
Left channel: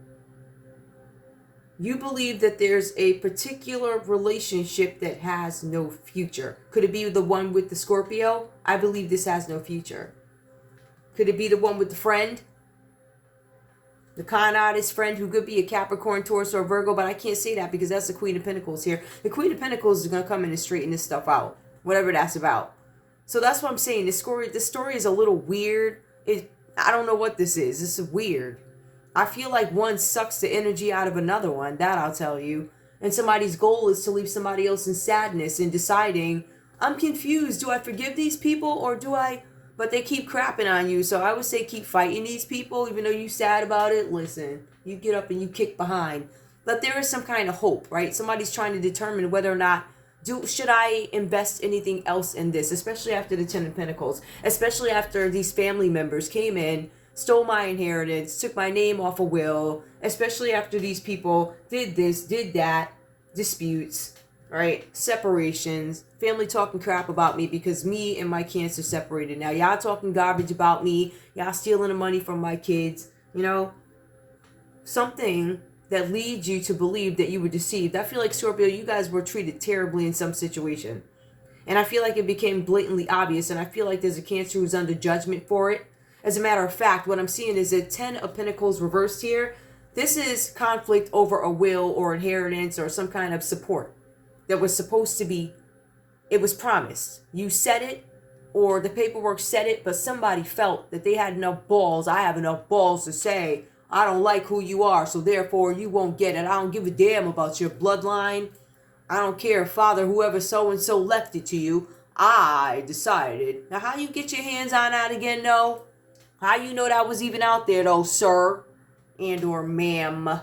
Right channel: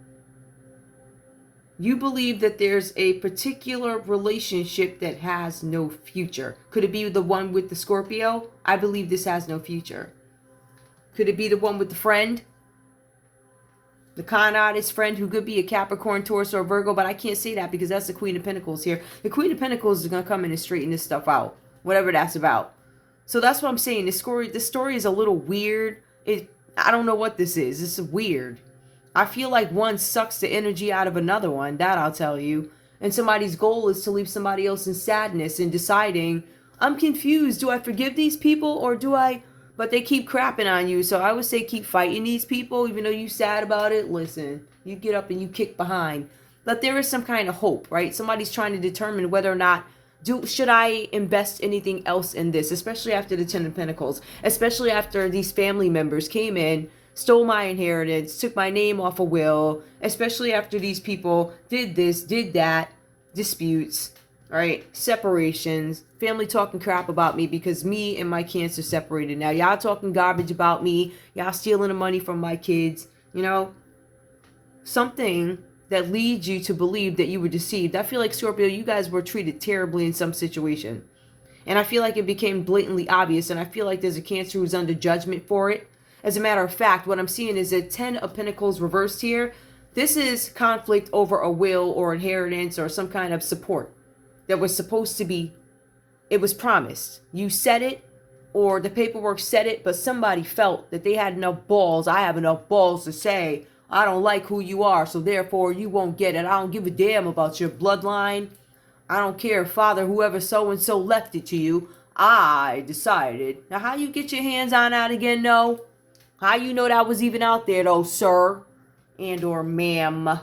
you believe that there's a particular relationship that has no future. Could it be the one with the Scorpio? I believe this has no future. Could it be the one with the friend? The con artist friend who could be a Capricorn, Taurus, or Virgo, but I can't say that because that's the Queen of Pentacles here. The Queen of Pentacles is going to come in and straighten this stuff out, whatever that's about. So that's what I'm saying. This story is a little weird. I don't know what this is. This is weird. I feel like one sucks the energy out of another one, that I'll tell you. And somebody's goal is to leave somebody else in sadness and deciding, I'm confused. Do I forgive these people or do I... But they keep crapping on you. So I would say keep fighting these people. Even though you're sad about it, listen. You get up and you kick behind. But there is some kind of hope, right? Somebody's trying to determine whether or not, should I invest anything else in this? Especially after the Ten of Pentacles. Especially after these family members came in, stole my inheritance, took my name off a will. Especially after these people did this, did that. Disputes. Right, separations, family talking crap about me because me and my Cancer separated. Now y'all talking garbage about me, y'all stealing the money from my kids, you know, something that leads you to believe that you were deceived. I feel like, Scorpio, you guys were treated terribly in some situation, and I feel like it became blatantly obvious, and I feel like there's a Cancer who's under judgment for it. As a matter of fact, what I'm seeing is a 10 of Pentacles reversed here. This is conflict over a will or inheritance or some kind of support that was supposed to be, it was promised. You said it, or the paperwork said it, but somebody felt that they had enough balls. I have enough balls to say, I don't like who you are, so therefore you won't get it. I don't give a damn about your bloodline. I don't care if father, whoever so-and-so left it to you. I decided. Now, how you get your hands on that again, though? How you know that was even out there, though, sir? And or ma'am.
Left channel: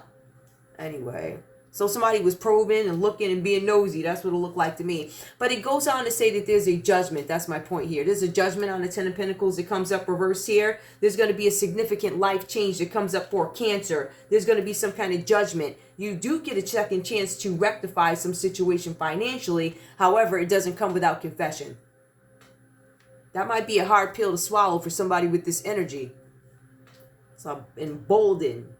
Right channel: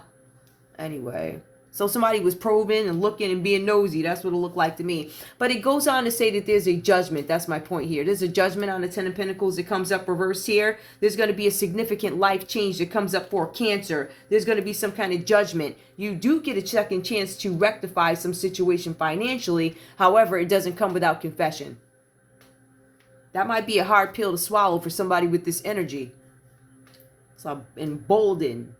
Anyway. So somebody was probing and looking and being nosy. That's what it looked like to me. But it goes on to say that there's a judgment. That's my point here. There's a judgment on the Ten of Pentacles that comes up reversed here. There's going to be a significant life change that comes up for Cancer. There's going to be some kind of judgment. You do get a second chance to rectify some situation financially. However, it doesn't come without confession. That might be a hard pill to swallow for somebody with this energy. So emboldened,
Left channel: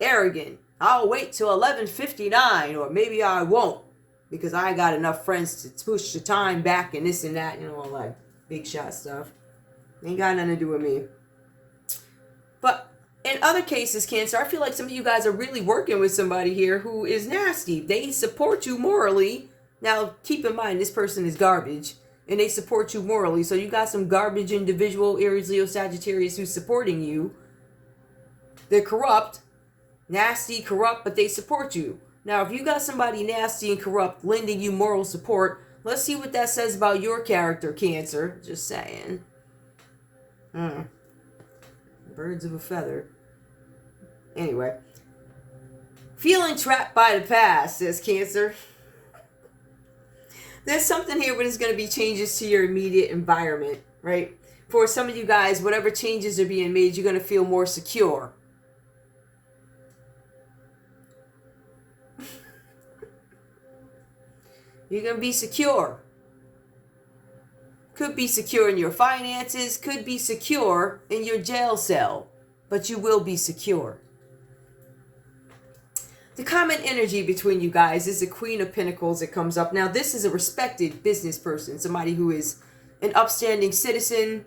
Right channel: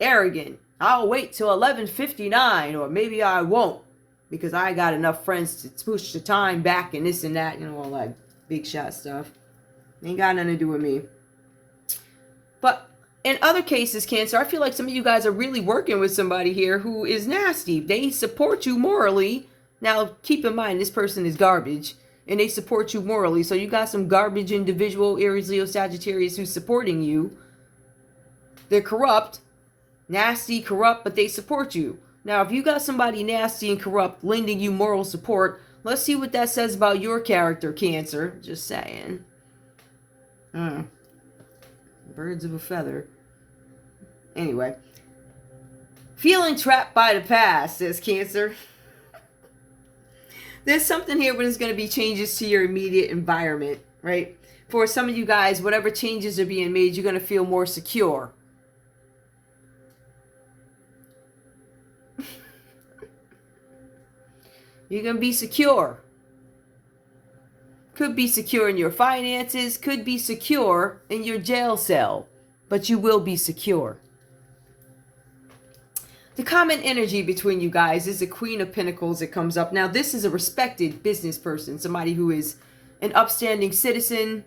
arrogant. I'll wait till 11:59, or maybe I won't, because I got enough friends to push the time back and this and that, you know, all that big shot stuff. Ain't got nothing to do with me. But in other cases, Cancer, I feel like some of you guys are really working with somebody here who is nasty. They support you morally. Now, keep in mind, this person is garbage, and they support you morally. So you got some garbage individual, Aries, Leo, Sagittarius, who's supporting you. They're corrupt. Nasty, corrupt, but they support you. Now, if you got somebody nasty and corrupt lending you moral support, let's see what that says about your character, Cancer. Just saying. Birds of a feather. Anyway. Feeling trapped by the past, says Cancer. There's something here where there's going to be changes to your immediate environment, right? For some of you guys, whatever changes are being made, you're going to feel more secure. You're going to be secure. Could be secure in your finances. Could be secure in your jail cell. But you will be secure. The common energy between you guys is the Queen of Pentacles that comes up. Now, this is a respected business person. Somebody who is an upstanding citizen.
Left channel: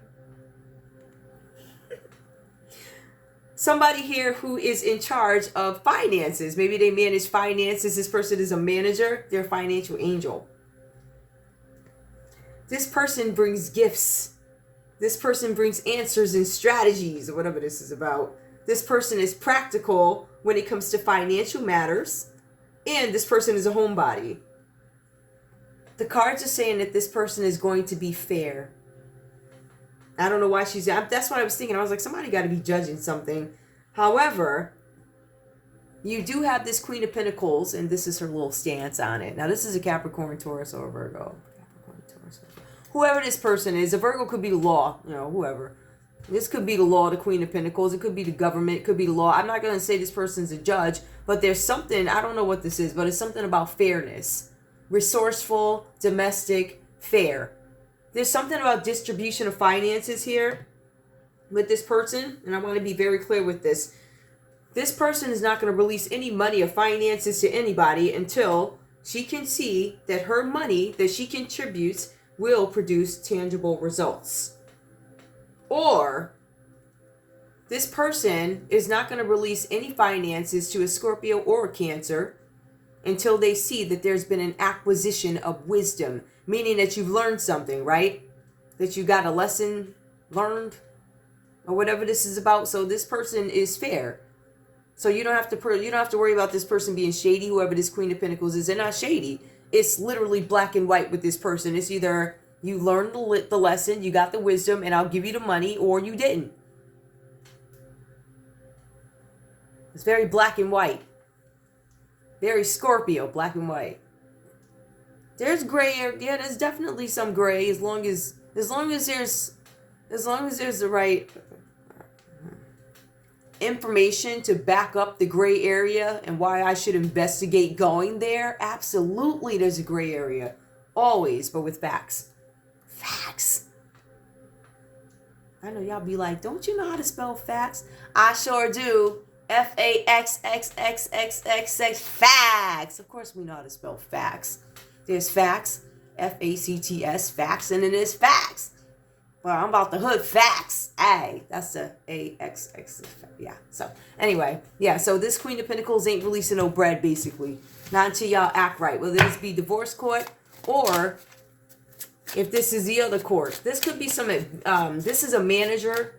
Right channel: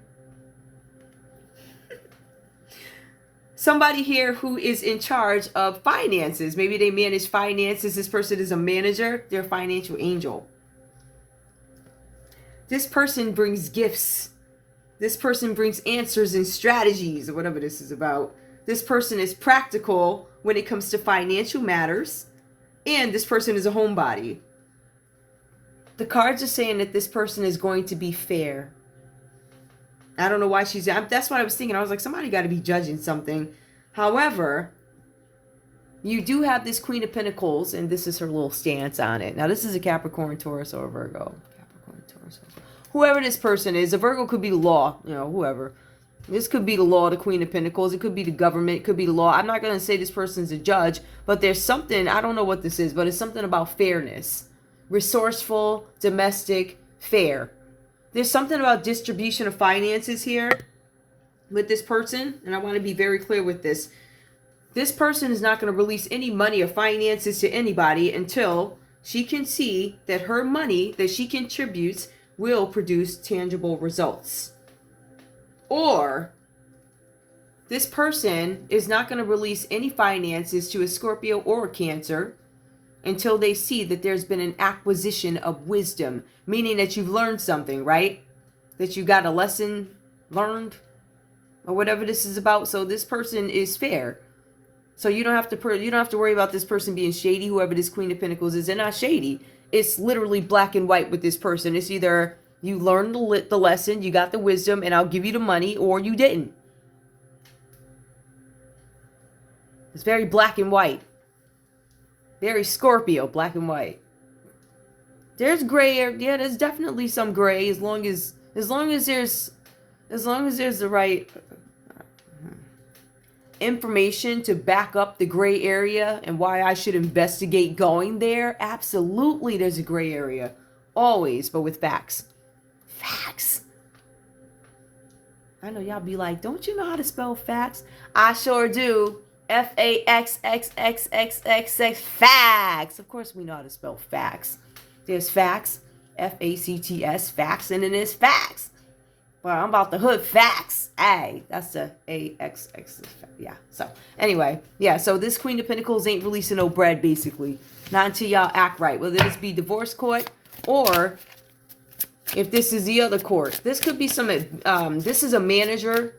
Somebody here who is in charge of finances. Maybe they manage finances. This person is a manager. They're a financial angel. This person brings gifts. This person brings answers and strategies, or whatever this is about. This person is practical when it comes to financial matters. And this person is a homebody. The cards are saying that this person is going to be fair. I don't know why that's what I was thinking. I was like, somebody got to be judging something. However, You do have this Queen of Pentacles, and this is her little stance on it. Now, this is a Capricorn, Taurus, or a Virgo. Capricorn, Taurus, whoever this person is. A Virgo could be the law, you know, whoever. This could be the law, the Queen of Pentacles. It could be the government. It could be the law. I'm not going to say this person's a judge, but there's something, I don't know what this is, but it's something about fairness. Resourceful, domestic, fair. There's something about distribution of finances here with this person, and I want to be very clear with this. This person is not going to release any money or finances to anybody until she can see that her money that she contributes will produce tangible results. Or this person is not going to release any finances to a Scorpio or a Cancer until they see that there's been an acquisition of wisdom, meaning that you've learned something, right? That you got a lesson learned or whatever this is about. So this person is fair. So you don't have to worry about this person being shady, whoever this Queen of Pentacles is. They're not shady. It's literally black and white with this person. It's either you learned the lesson, you got the wisdom, and I'll give you the money, or you didn't. It's very black and white. Very Scorpio, black and white. There's gray area. Yeah, there's definitely some gray as long as there's the right information to back up the gray area and why I should investigate going there. Absolutely, there's a gray area. Always, but with facts. Facts. I know y'all be like, don't you know how to spell facts? I sure do. F-A-X-X-X-X-X-X. Facts. Of course we know how to spell facts. There's facts. F-A-C-T-S. Facts. And then there's facts. Well, I'm about the hood facts. Hey, that's the A-X-X. Yeah. So anyway, yeah. So this Queen of Pentacles ain't releasing no bread, basically. Not until y'all act right. Whether this be divorce court or if this is the other court. This could be this is a manager.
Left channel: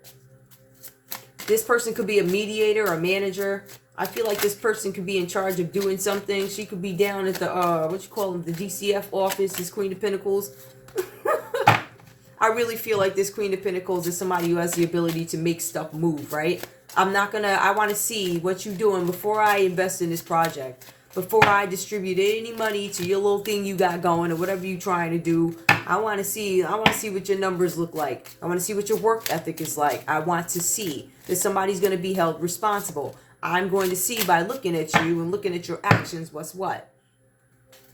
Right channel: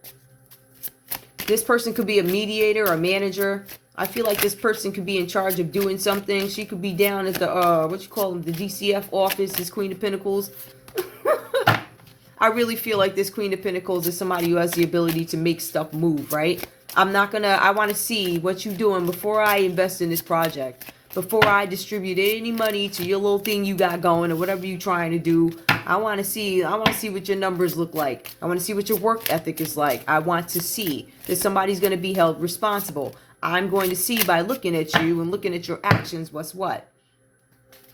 This person could be a mediator or a manager. I feel like this person could be in charge of doing something. She could be down at the, the DCF office, this Queen of Pentacles. I really feel like this Queen of Pentacles is somebody who has the ability to make stuff move, right? I want to see what you're doing before I invest in this project. Before I distribute any money to your little thing you got going or whatever you're trying to do. I want to see what your numbers look like. I want to see what your work ethic is like. I want to see that somebody's going to be held responsible. I'm going to see by looking at you and looking at your actions what's what.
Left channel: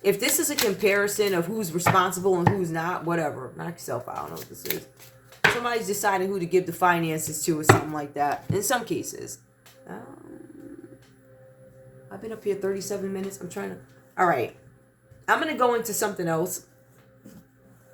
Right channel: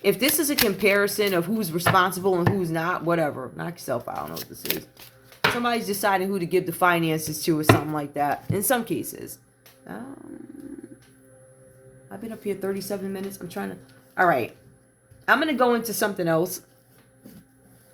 If this is a comparison of who's responsible and who's not, whatever. Knock yourself out. I don't know what this is. Somebody's deciding who to give the finances to or something like that. In some cases. I've been up here 37 minutes. All right. I'm going to go into something else.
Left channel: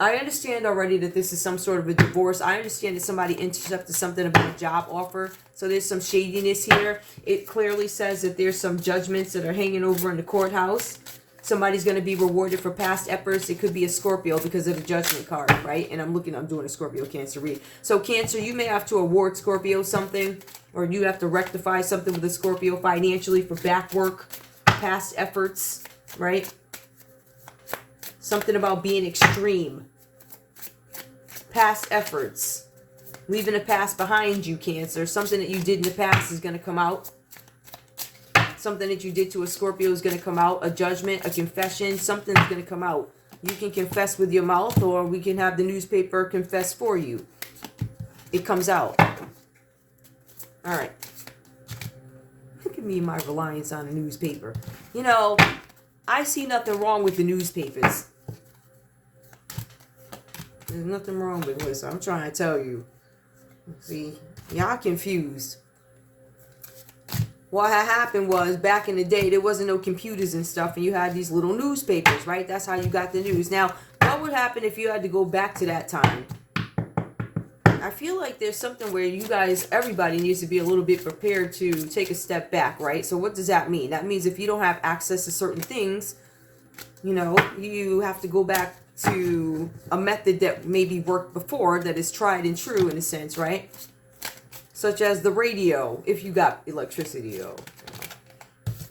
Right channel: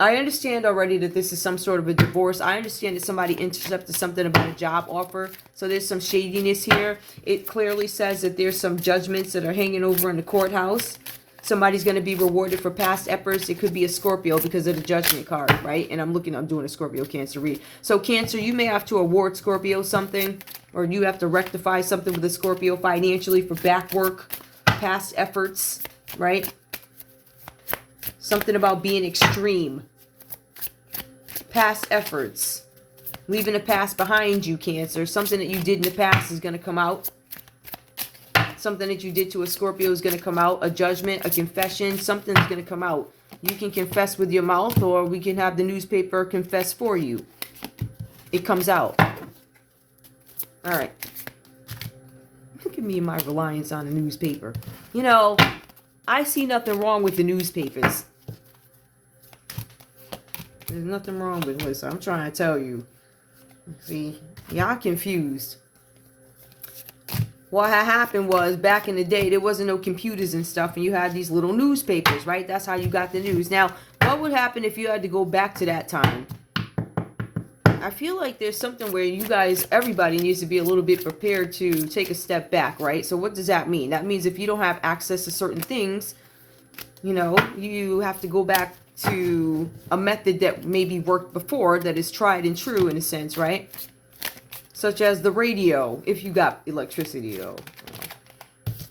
I understand already that this is some sort of a divorce. I understand that somebody intercepted something about a job offer. So there's some shadiness here. It clearly says that there's some judgments that are hanging over in the courthouse. Somebody's going to be rewarded for past efforts. It could be a Scorpio because of the judgment card, right? And I'm doing a Scorpio Cancer read. So Cancer, you may have to award Scorpio something, or you have to rectify something with a Scorpio financially for back work, past efforts, right? Something about being extreme. Past efforts. Leaving the past behind you, Cancer. Something that you did in the past is going to come out. Something that you did to a Scorpio is going to come out. A judgment, a confession, something's going to come out. You can confess with your mouth, or we can have the newspaper confess for you. It comes out. All right. Look at me and my reliance on the newspaper. You know, I see nothing wrong with the newspapers. There's nothing wrong with this. I'm trying to tell you. See, y'all confused. What had happened was, back in the day, there wasn't no computers and stuff, and you had these little newspapers, right? That's how you got the news. Now, what would happen if you had to go back to that time? I feel like there's something where you guys, everybody needs to be a little bit prepared to take a step back, right? So what does that mean? That means if you don't have access to certain things, you know, you have to go back to a method that maybe worked before, that is tried and true in a sense, right? Such as the radio, if you got electricity, though.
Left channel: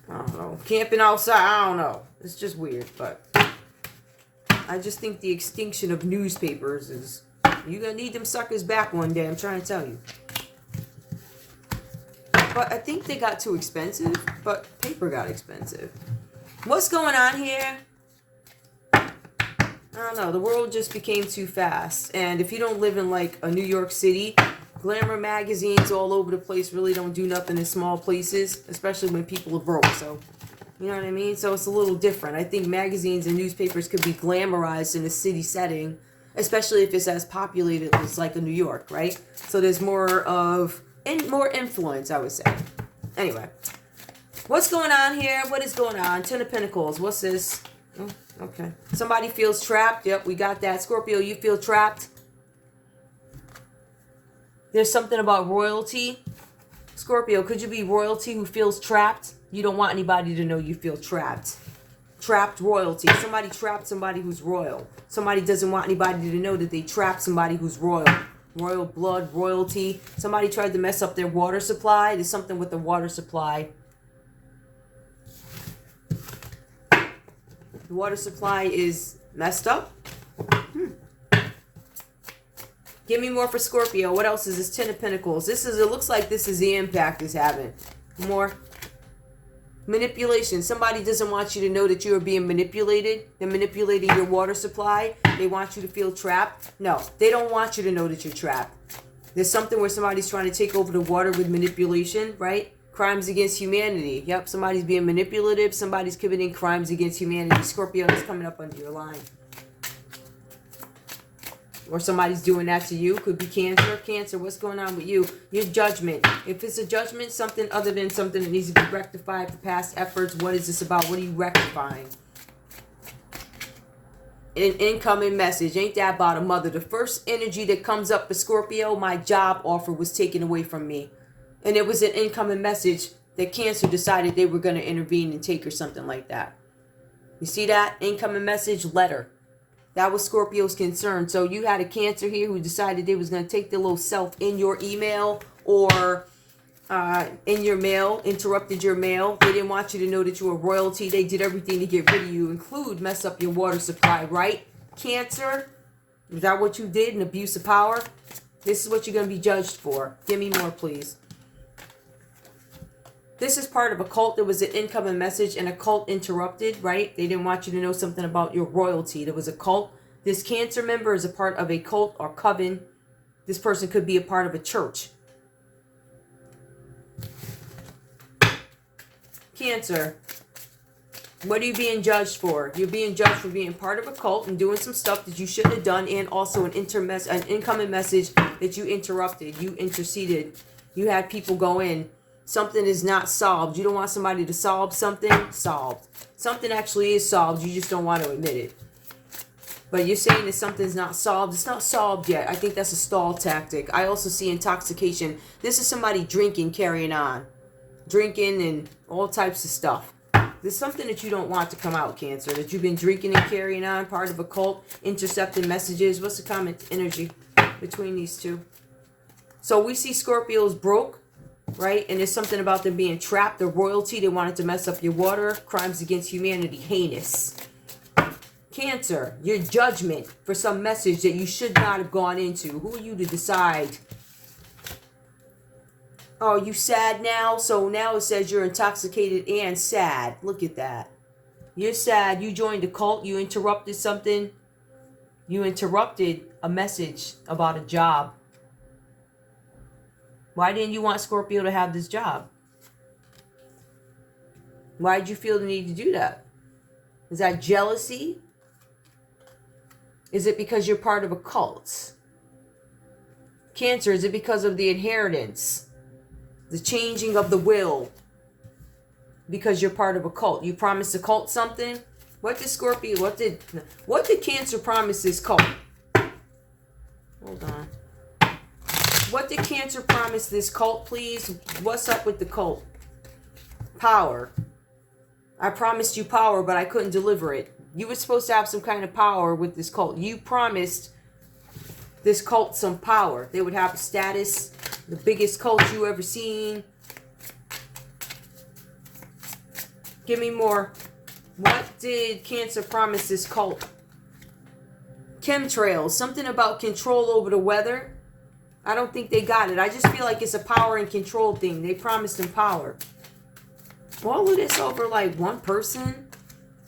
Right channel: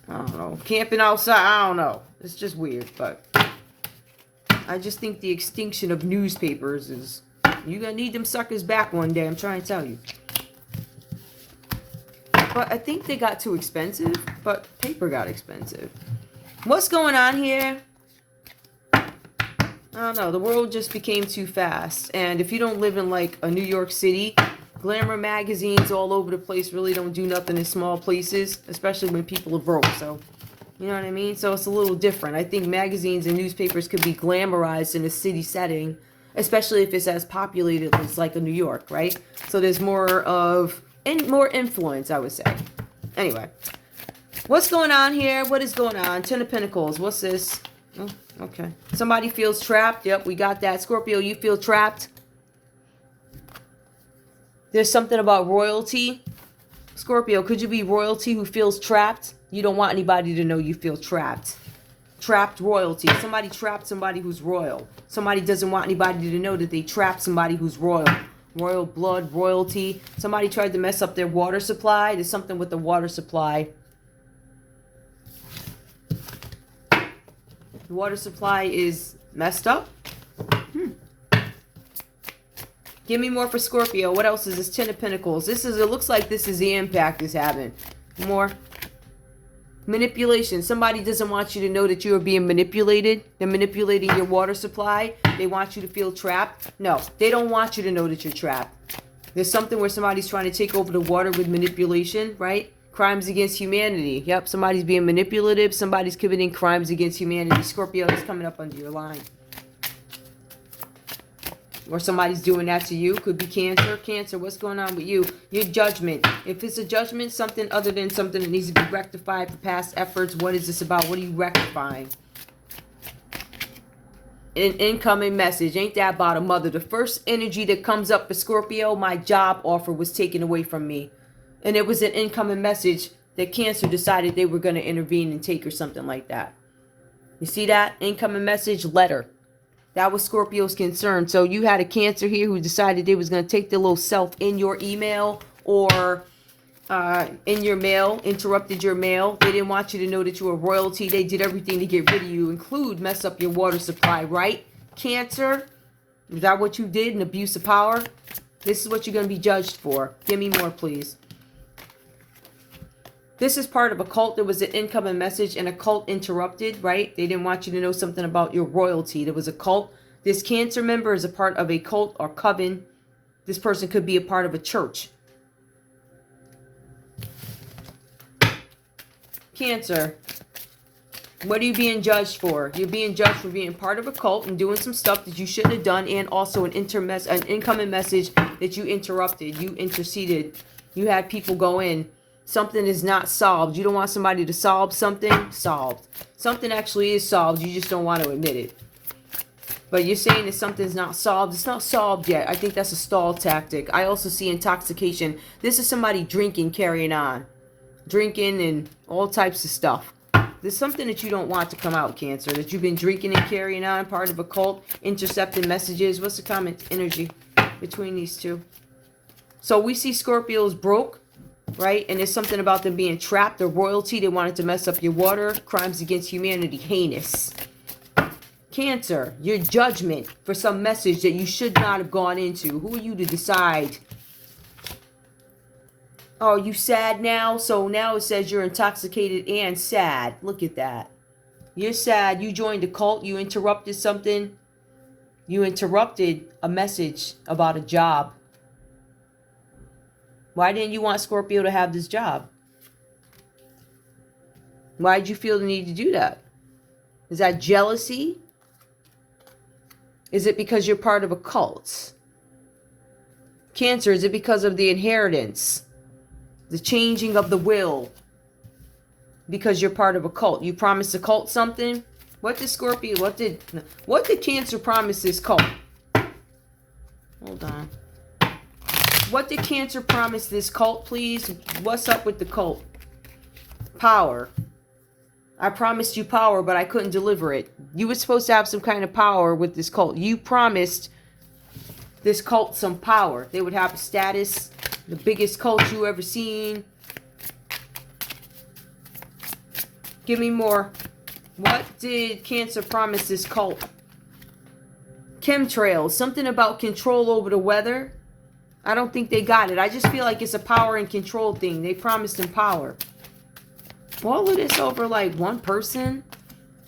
I don't know. Camping outside, I don't know. It's just weird, but I just think the extinction of newspapers is... You're going to need them suckers back one day, I'm trying to tell you. But I think they got too expensive, but paper got expensive. What's going on here? I don't know. The world just became too fast. And if you don't live in like a New York City, glamour magazines all over the place really don't do nothing in small places, especially when people are broke. So, you know what I mean? So it's a little different. I think magazines and newspapers could be glamorized in a city setting, especially if it's as populated as like a New York, right? So there's more of more influence, I would say. Anyway, what's going on here? What is going on? Ten of Pentacles. What's this? Oh, okay. Somebody feels trapped. Yep, we got that. Scorpio, you feel trapped. There's something about royalty. Scorpio, could you be royalty who feels trapped? You don't want anybody to know you feel trapped. Trapped royalty. Somebody trapped somebody who's royal. Somebody doesn't want anybody to know that they trapped somebody who's royal. Royal blood, royalty. Somebody tried to mess up their water supply. There's something with the water supply. Water supply is messed up. Give me more for Scorpio. What else is this? Ten of Pentacles. It looks like this is the impact it's having. More. Manipulation. Somebody doesn't want you to know that you are being manipulated. They're manipulating your water supply. They want you to feel trapped. No, they don't want you to know that you're trapped. There's something where somebody's trying to take over the water with manipulation, right? Crimes against humanity. Yep, somebody's being manipulative. Somebody's committing crimes against humanity. Scorpio, is coming up under your line. Or somebody's doing that to you. Could be Cancer. Cancer, what's going on with you? Your judgment. If it's a judgment, something other than something that needs to be rectified for past efforts. What is this about? What are you rectifying? An incoming message. Ain't that about a mother? The first energy that comes up for Scorpio, my job offer was taken away from me. And it was an incoming message that Cancer decided they were going to intervene and take or something like that. You see that? Incoming message, letter. That was Scorpio's concern. So you had a Cancer here who decided they was going to take their little self in your email or in your mail, interrupted your mail. They didn't want you to know that you were royalty. They did everything to get rid of you, include mess up your water supply, right? Cancer, is that what you did? An abuse of power? This is what you're going to be judged for. Give me more, please. This is part of a cult. There was an incoming message and a cult interrupted, right? They didn't want you to know something about your royalty. There was a cult. This Cancer member is a part of a cult or coven. This person could be a part of a church. Cancer, what are you being judged for? You're being judged for being part of a cult and doing some stuff that you shouldn't have done, and also an incoming message that you interrupted. You interceded. You had people go in. Something is not solved. You don't want somebody to solve something. Solved. Something actually is solved. You just don't want to admit it. But you're saying that something's not solved. It's not solved yet. I think that's a stall tactic. I also see intoxication. This is somebody drinking, carrying on. Drinking and all types of stuff. There's something that you don't want to come out, Cancer. That you've been drinking and carrying on. Part of a cult. Intercepting messages. What's the common energy between these two? So we see Scorpio's broke. Right? And there's something about them being trapped. The royalty, they wanted to mess up your water. Crimes against humanity, heinous. Cancer, your judgment for some message that you should not have gone into. Who are you to decide? Oh, you sad now? So now it says you're intoxicated and sad. Look at that. You're sad. You joined a cult. You interrupted something. You interrupted a message about a job. Why didn't you want Scorpio to have this job? Why did you feel the need to do that? Is that jealousy? Is it because you're part of a cult? Cancer, is it because of the inheritance? The changing of the will? Because you're part of a cult. You promised the cult something? What did Scorpio, what did Cancer promise this cult? Hold on. What did Cancer promise this cult, please? What's up with the cult? Power. I promised you power, but I couldn't deliver it. You were supposed to have some kind of power with this cult. You promised this cult some power. They would have a status, the biggest cult you ever seen. Give me more. What did Cancer promise this cult? Chemtrails. Something about control over the weather. I don't think they got it. I just feel like it's a power and control thing. They promised him power. All of this over like one person.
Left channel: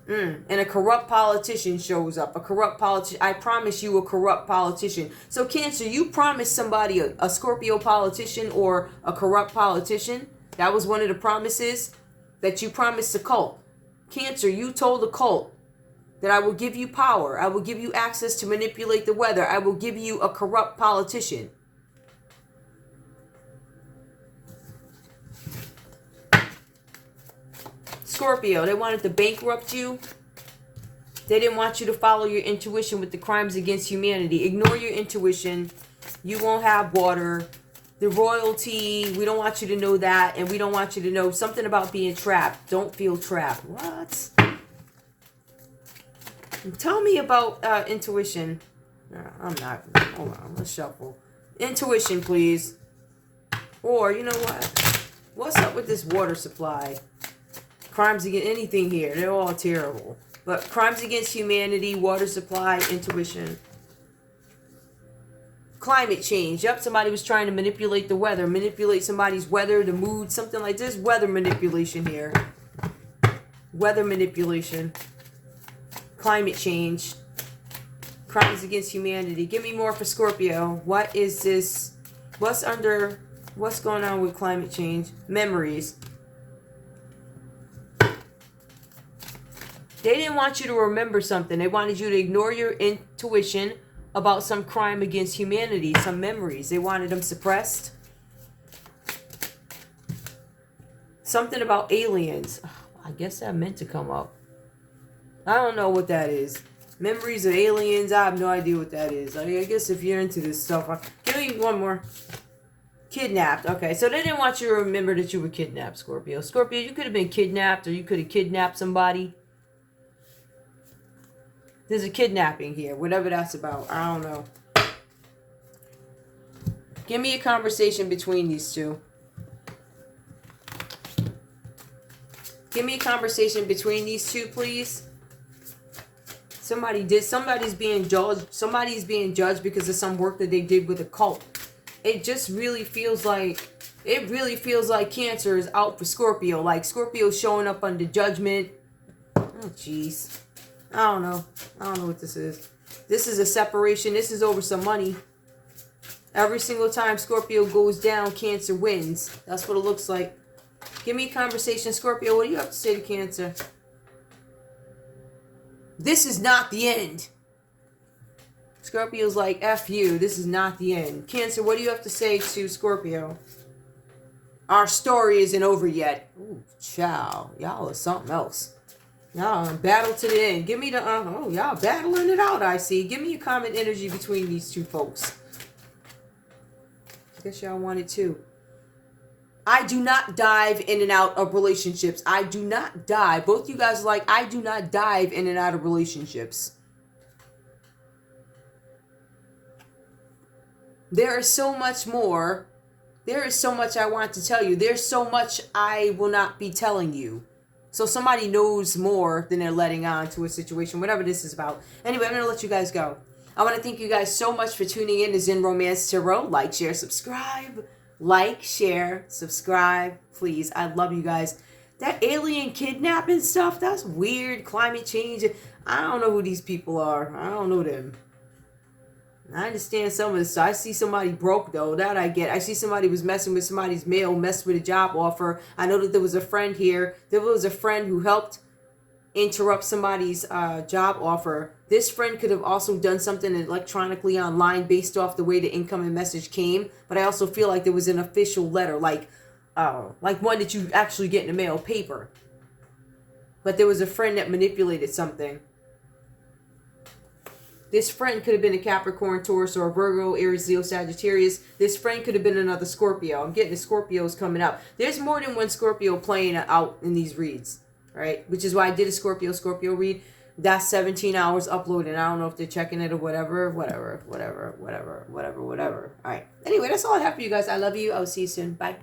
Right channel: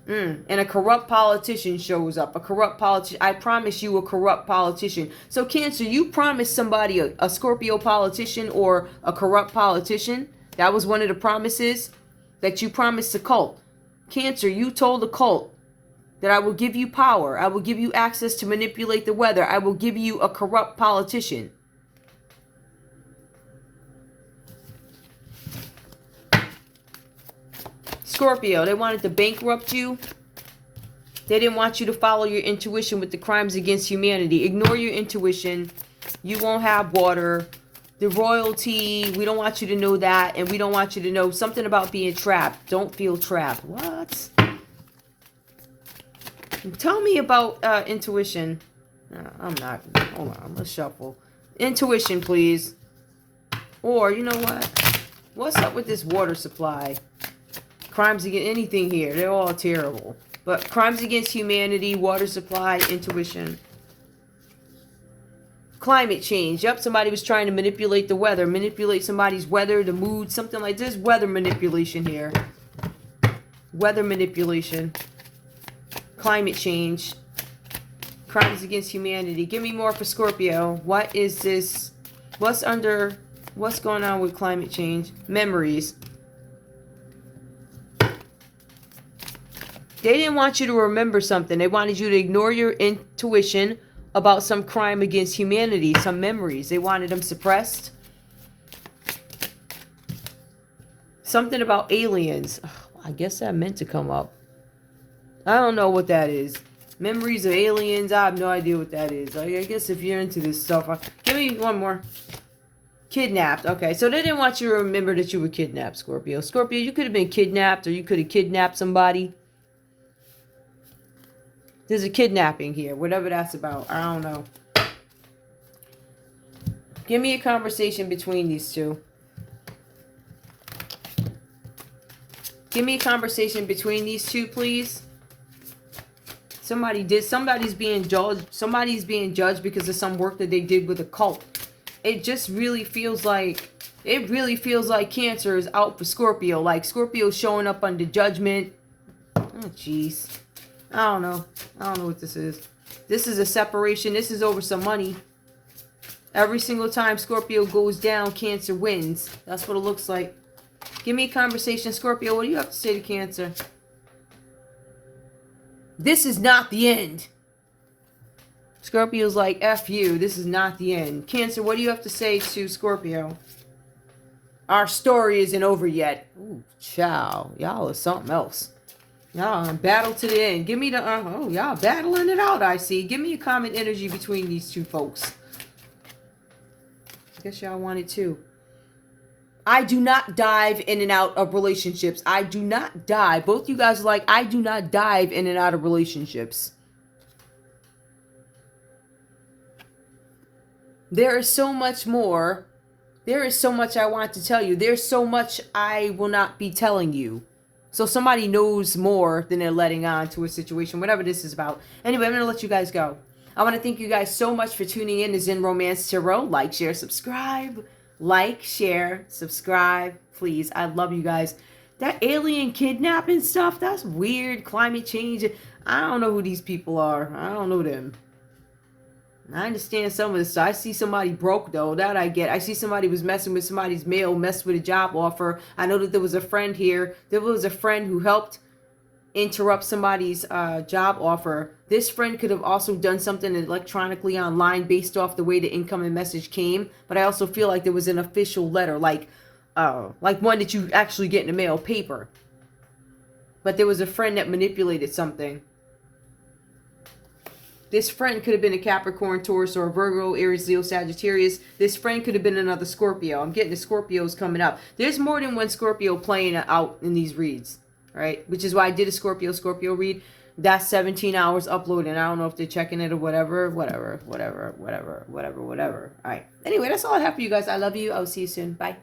And a corrupt politician shows up. A corrupt politician. I promise you a corrupt politician. So Cancer, you promised somebody a Scorpio politician or a corrupt politician. That was one of the promises that you promised the cult. Cancer, you told the cult that I will give you power. I will give you access to manipulate the weather. I will give you a corrupt politician. Scorpio, they wanted to bankrupt you. They didn't want you to follow your intuition with the crimes against humanity. Ignore your intuition. You won't have water. The royalty, we don't want you to know that. And we don't want you to know something about being trapped. Don't feel trapped. What? Tell me about intuition. I'm not. Hold on. Let's shuffle. Intuition, please. Or, you know what? What's up with this water supply? Crimes against anything here. They're all terrible. But crimes against humanity, water supply, intuition. Climate change. Yep, somebody was trying to manipulate the weather. Manipulate somebody's weather, the mood, something like this. Weather manipulation here. Weather manipulation. Climate change. Crimes against humanity. Give me more for Scorpio. What is this? What's going on with climate change? Memories. They didn't want you to remember something. They wanted you to ignore your intuition about some crime against humanity, some memories. They wanted them suppressed. Something about aliens. I guess that meant to come up. I don't know what that is. Memories of aliens. I have no idea what that is. I guess if you're into this stuff. Give me one more. Kidnapped. Okay, so they didn't want you to remember that you were kidnapped, Scorpio. Scorpio, you could have been kidnapped or you could have kidnapped somebody. There's a kidnapping here, whatever that's about. I don't know. Give me a conversation between these two. Give me a conversation between these two, please. Somebody's being judged. Somebody's being judged because of some work that they did with a cult. It just really feels like, Cancer is out for Scorpio. Like Scorpio's showing up under judgment. Oh, jeez. I don't know what this is. This is a separation. This is over some money. Every single time Scorpio goes down, Cancer wins. That's what it looks like. Give me a conversation. Scorpio, what do you have to say to Cancer? This is not the end. Scorpio's like, F you. This is not the end. Cancer, what do you have to say to Scorpio? Our story isn't over yet. Ooh, ciao. Y'all are something else. Y'all battle to the end. Give me the, y'all battling it out, I see. Give me a common energy between these two folks. I guess y'all want it too. I do not dive in and out of relationships. I do not dive. Both you guys are like, I do not dive in and out of relationships. There is so much more. There is so much I want to tell you. There's so much I will not be telling you. So somebody knows more than they're letting on to a situation, whatever this is about. Anyway, I'm going to let you guys go. I want to thank you guys so much for tuning in to Zen Romance Tarot. Like, share, subscribe. Like, share, subscribe. Please. I love you guys. That alien kidnapping stuff, that's weird. Climate change. I don't know who these people are. I don't know them. I understand some of this. I see somebody broke, though. That I get. I see somebody was messing with somebody's mail, messed with a job offer. I know that there was a friend here. There was a friend who helped interrupt somebody's job offer. This friend could have also done something electronically online based off the way the incoming message came. But I also feel like there was an official letter, like one that you actually get in the mail, paper. But there was a friend that manipulated something. This friend could have been a Capricorn, Taurus, or a Virgo, Aries, Leo, Sagittarius. This friend could have been another Scorpio. I'm getting the Scorpios coming up. There's more than one Scorpio playing out in these reads, right? Which is why I did a Scorpio read. That's 17 hours uploading. I don't know if they're checking it or whatever. All right. Anyway, that's all I have for you guys. I love you. I'll see you soon. Bye.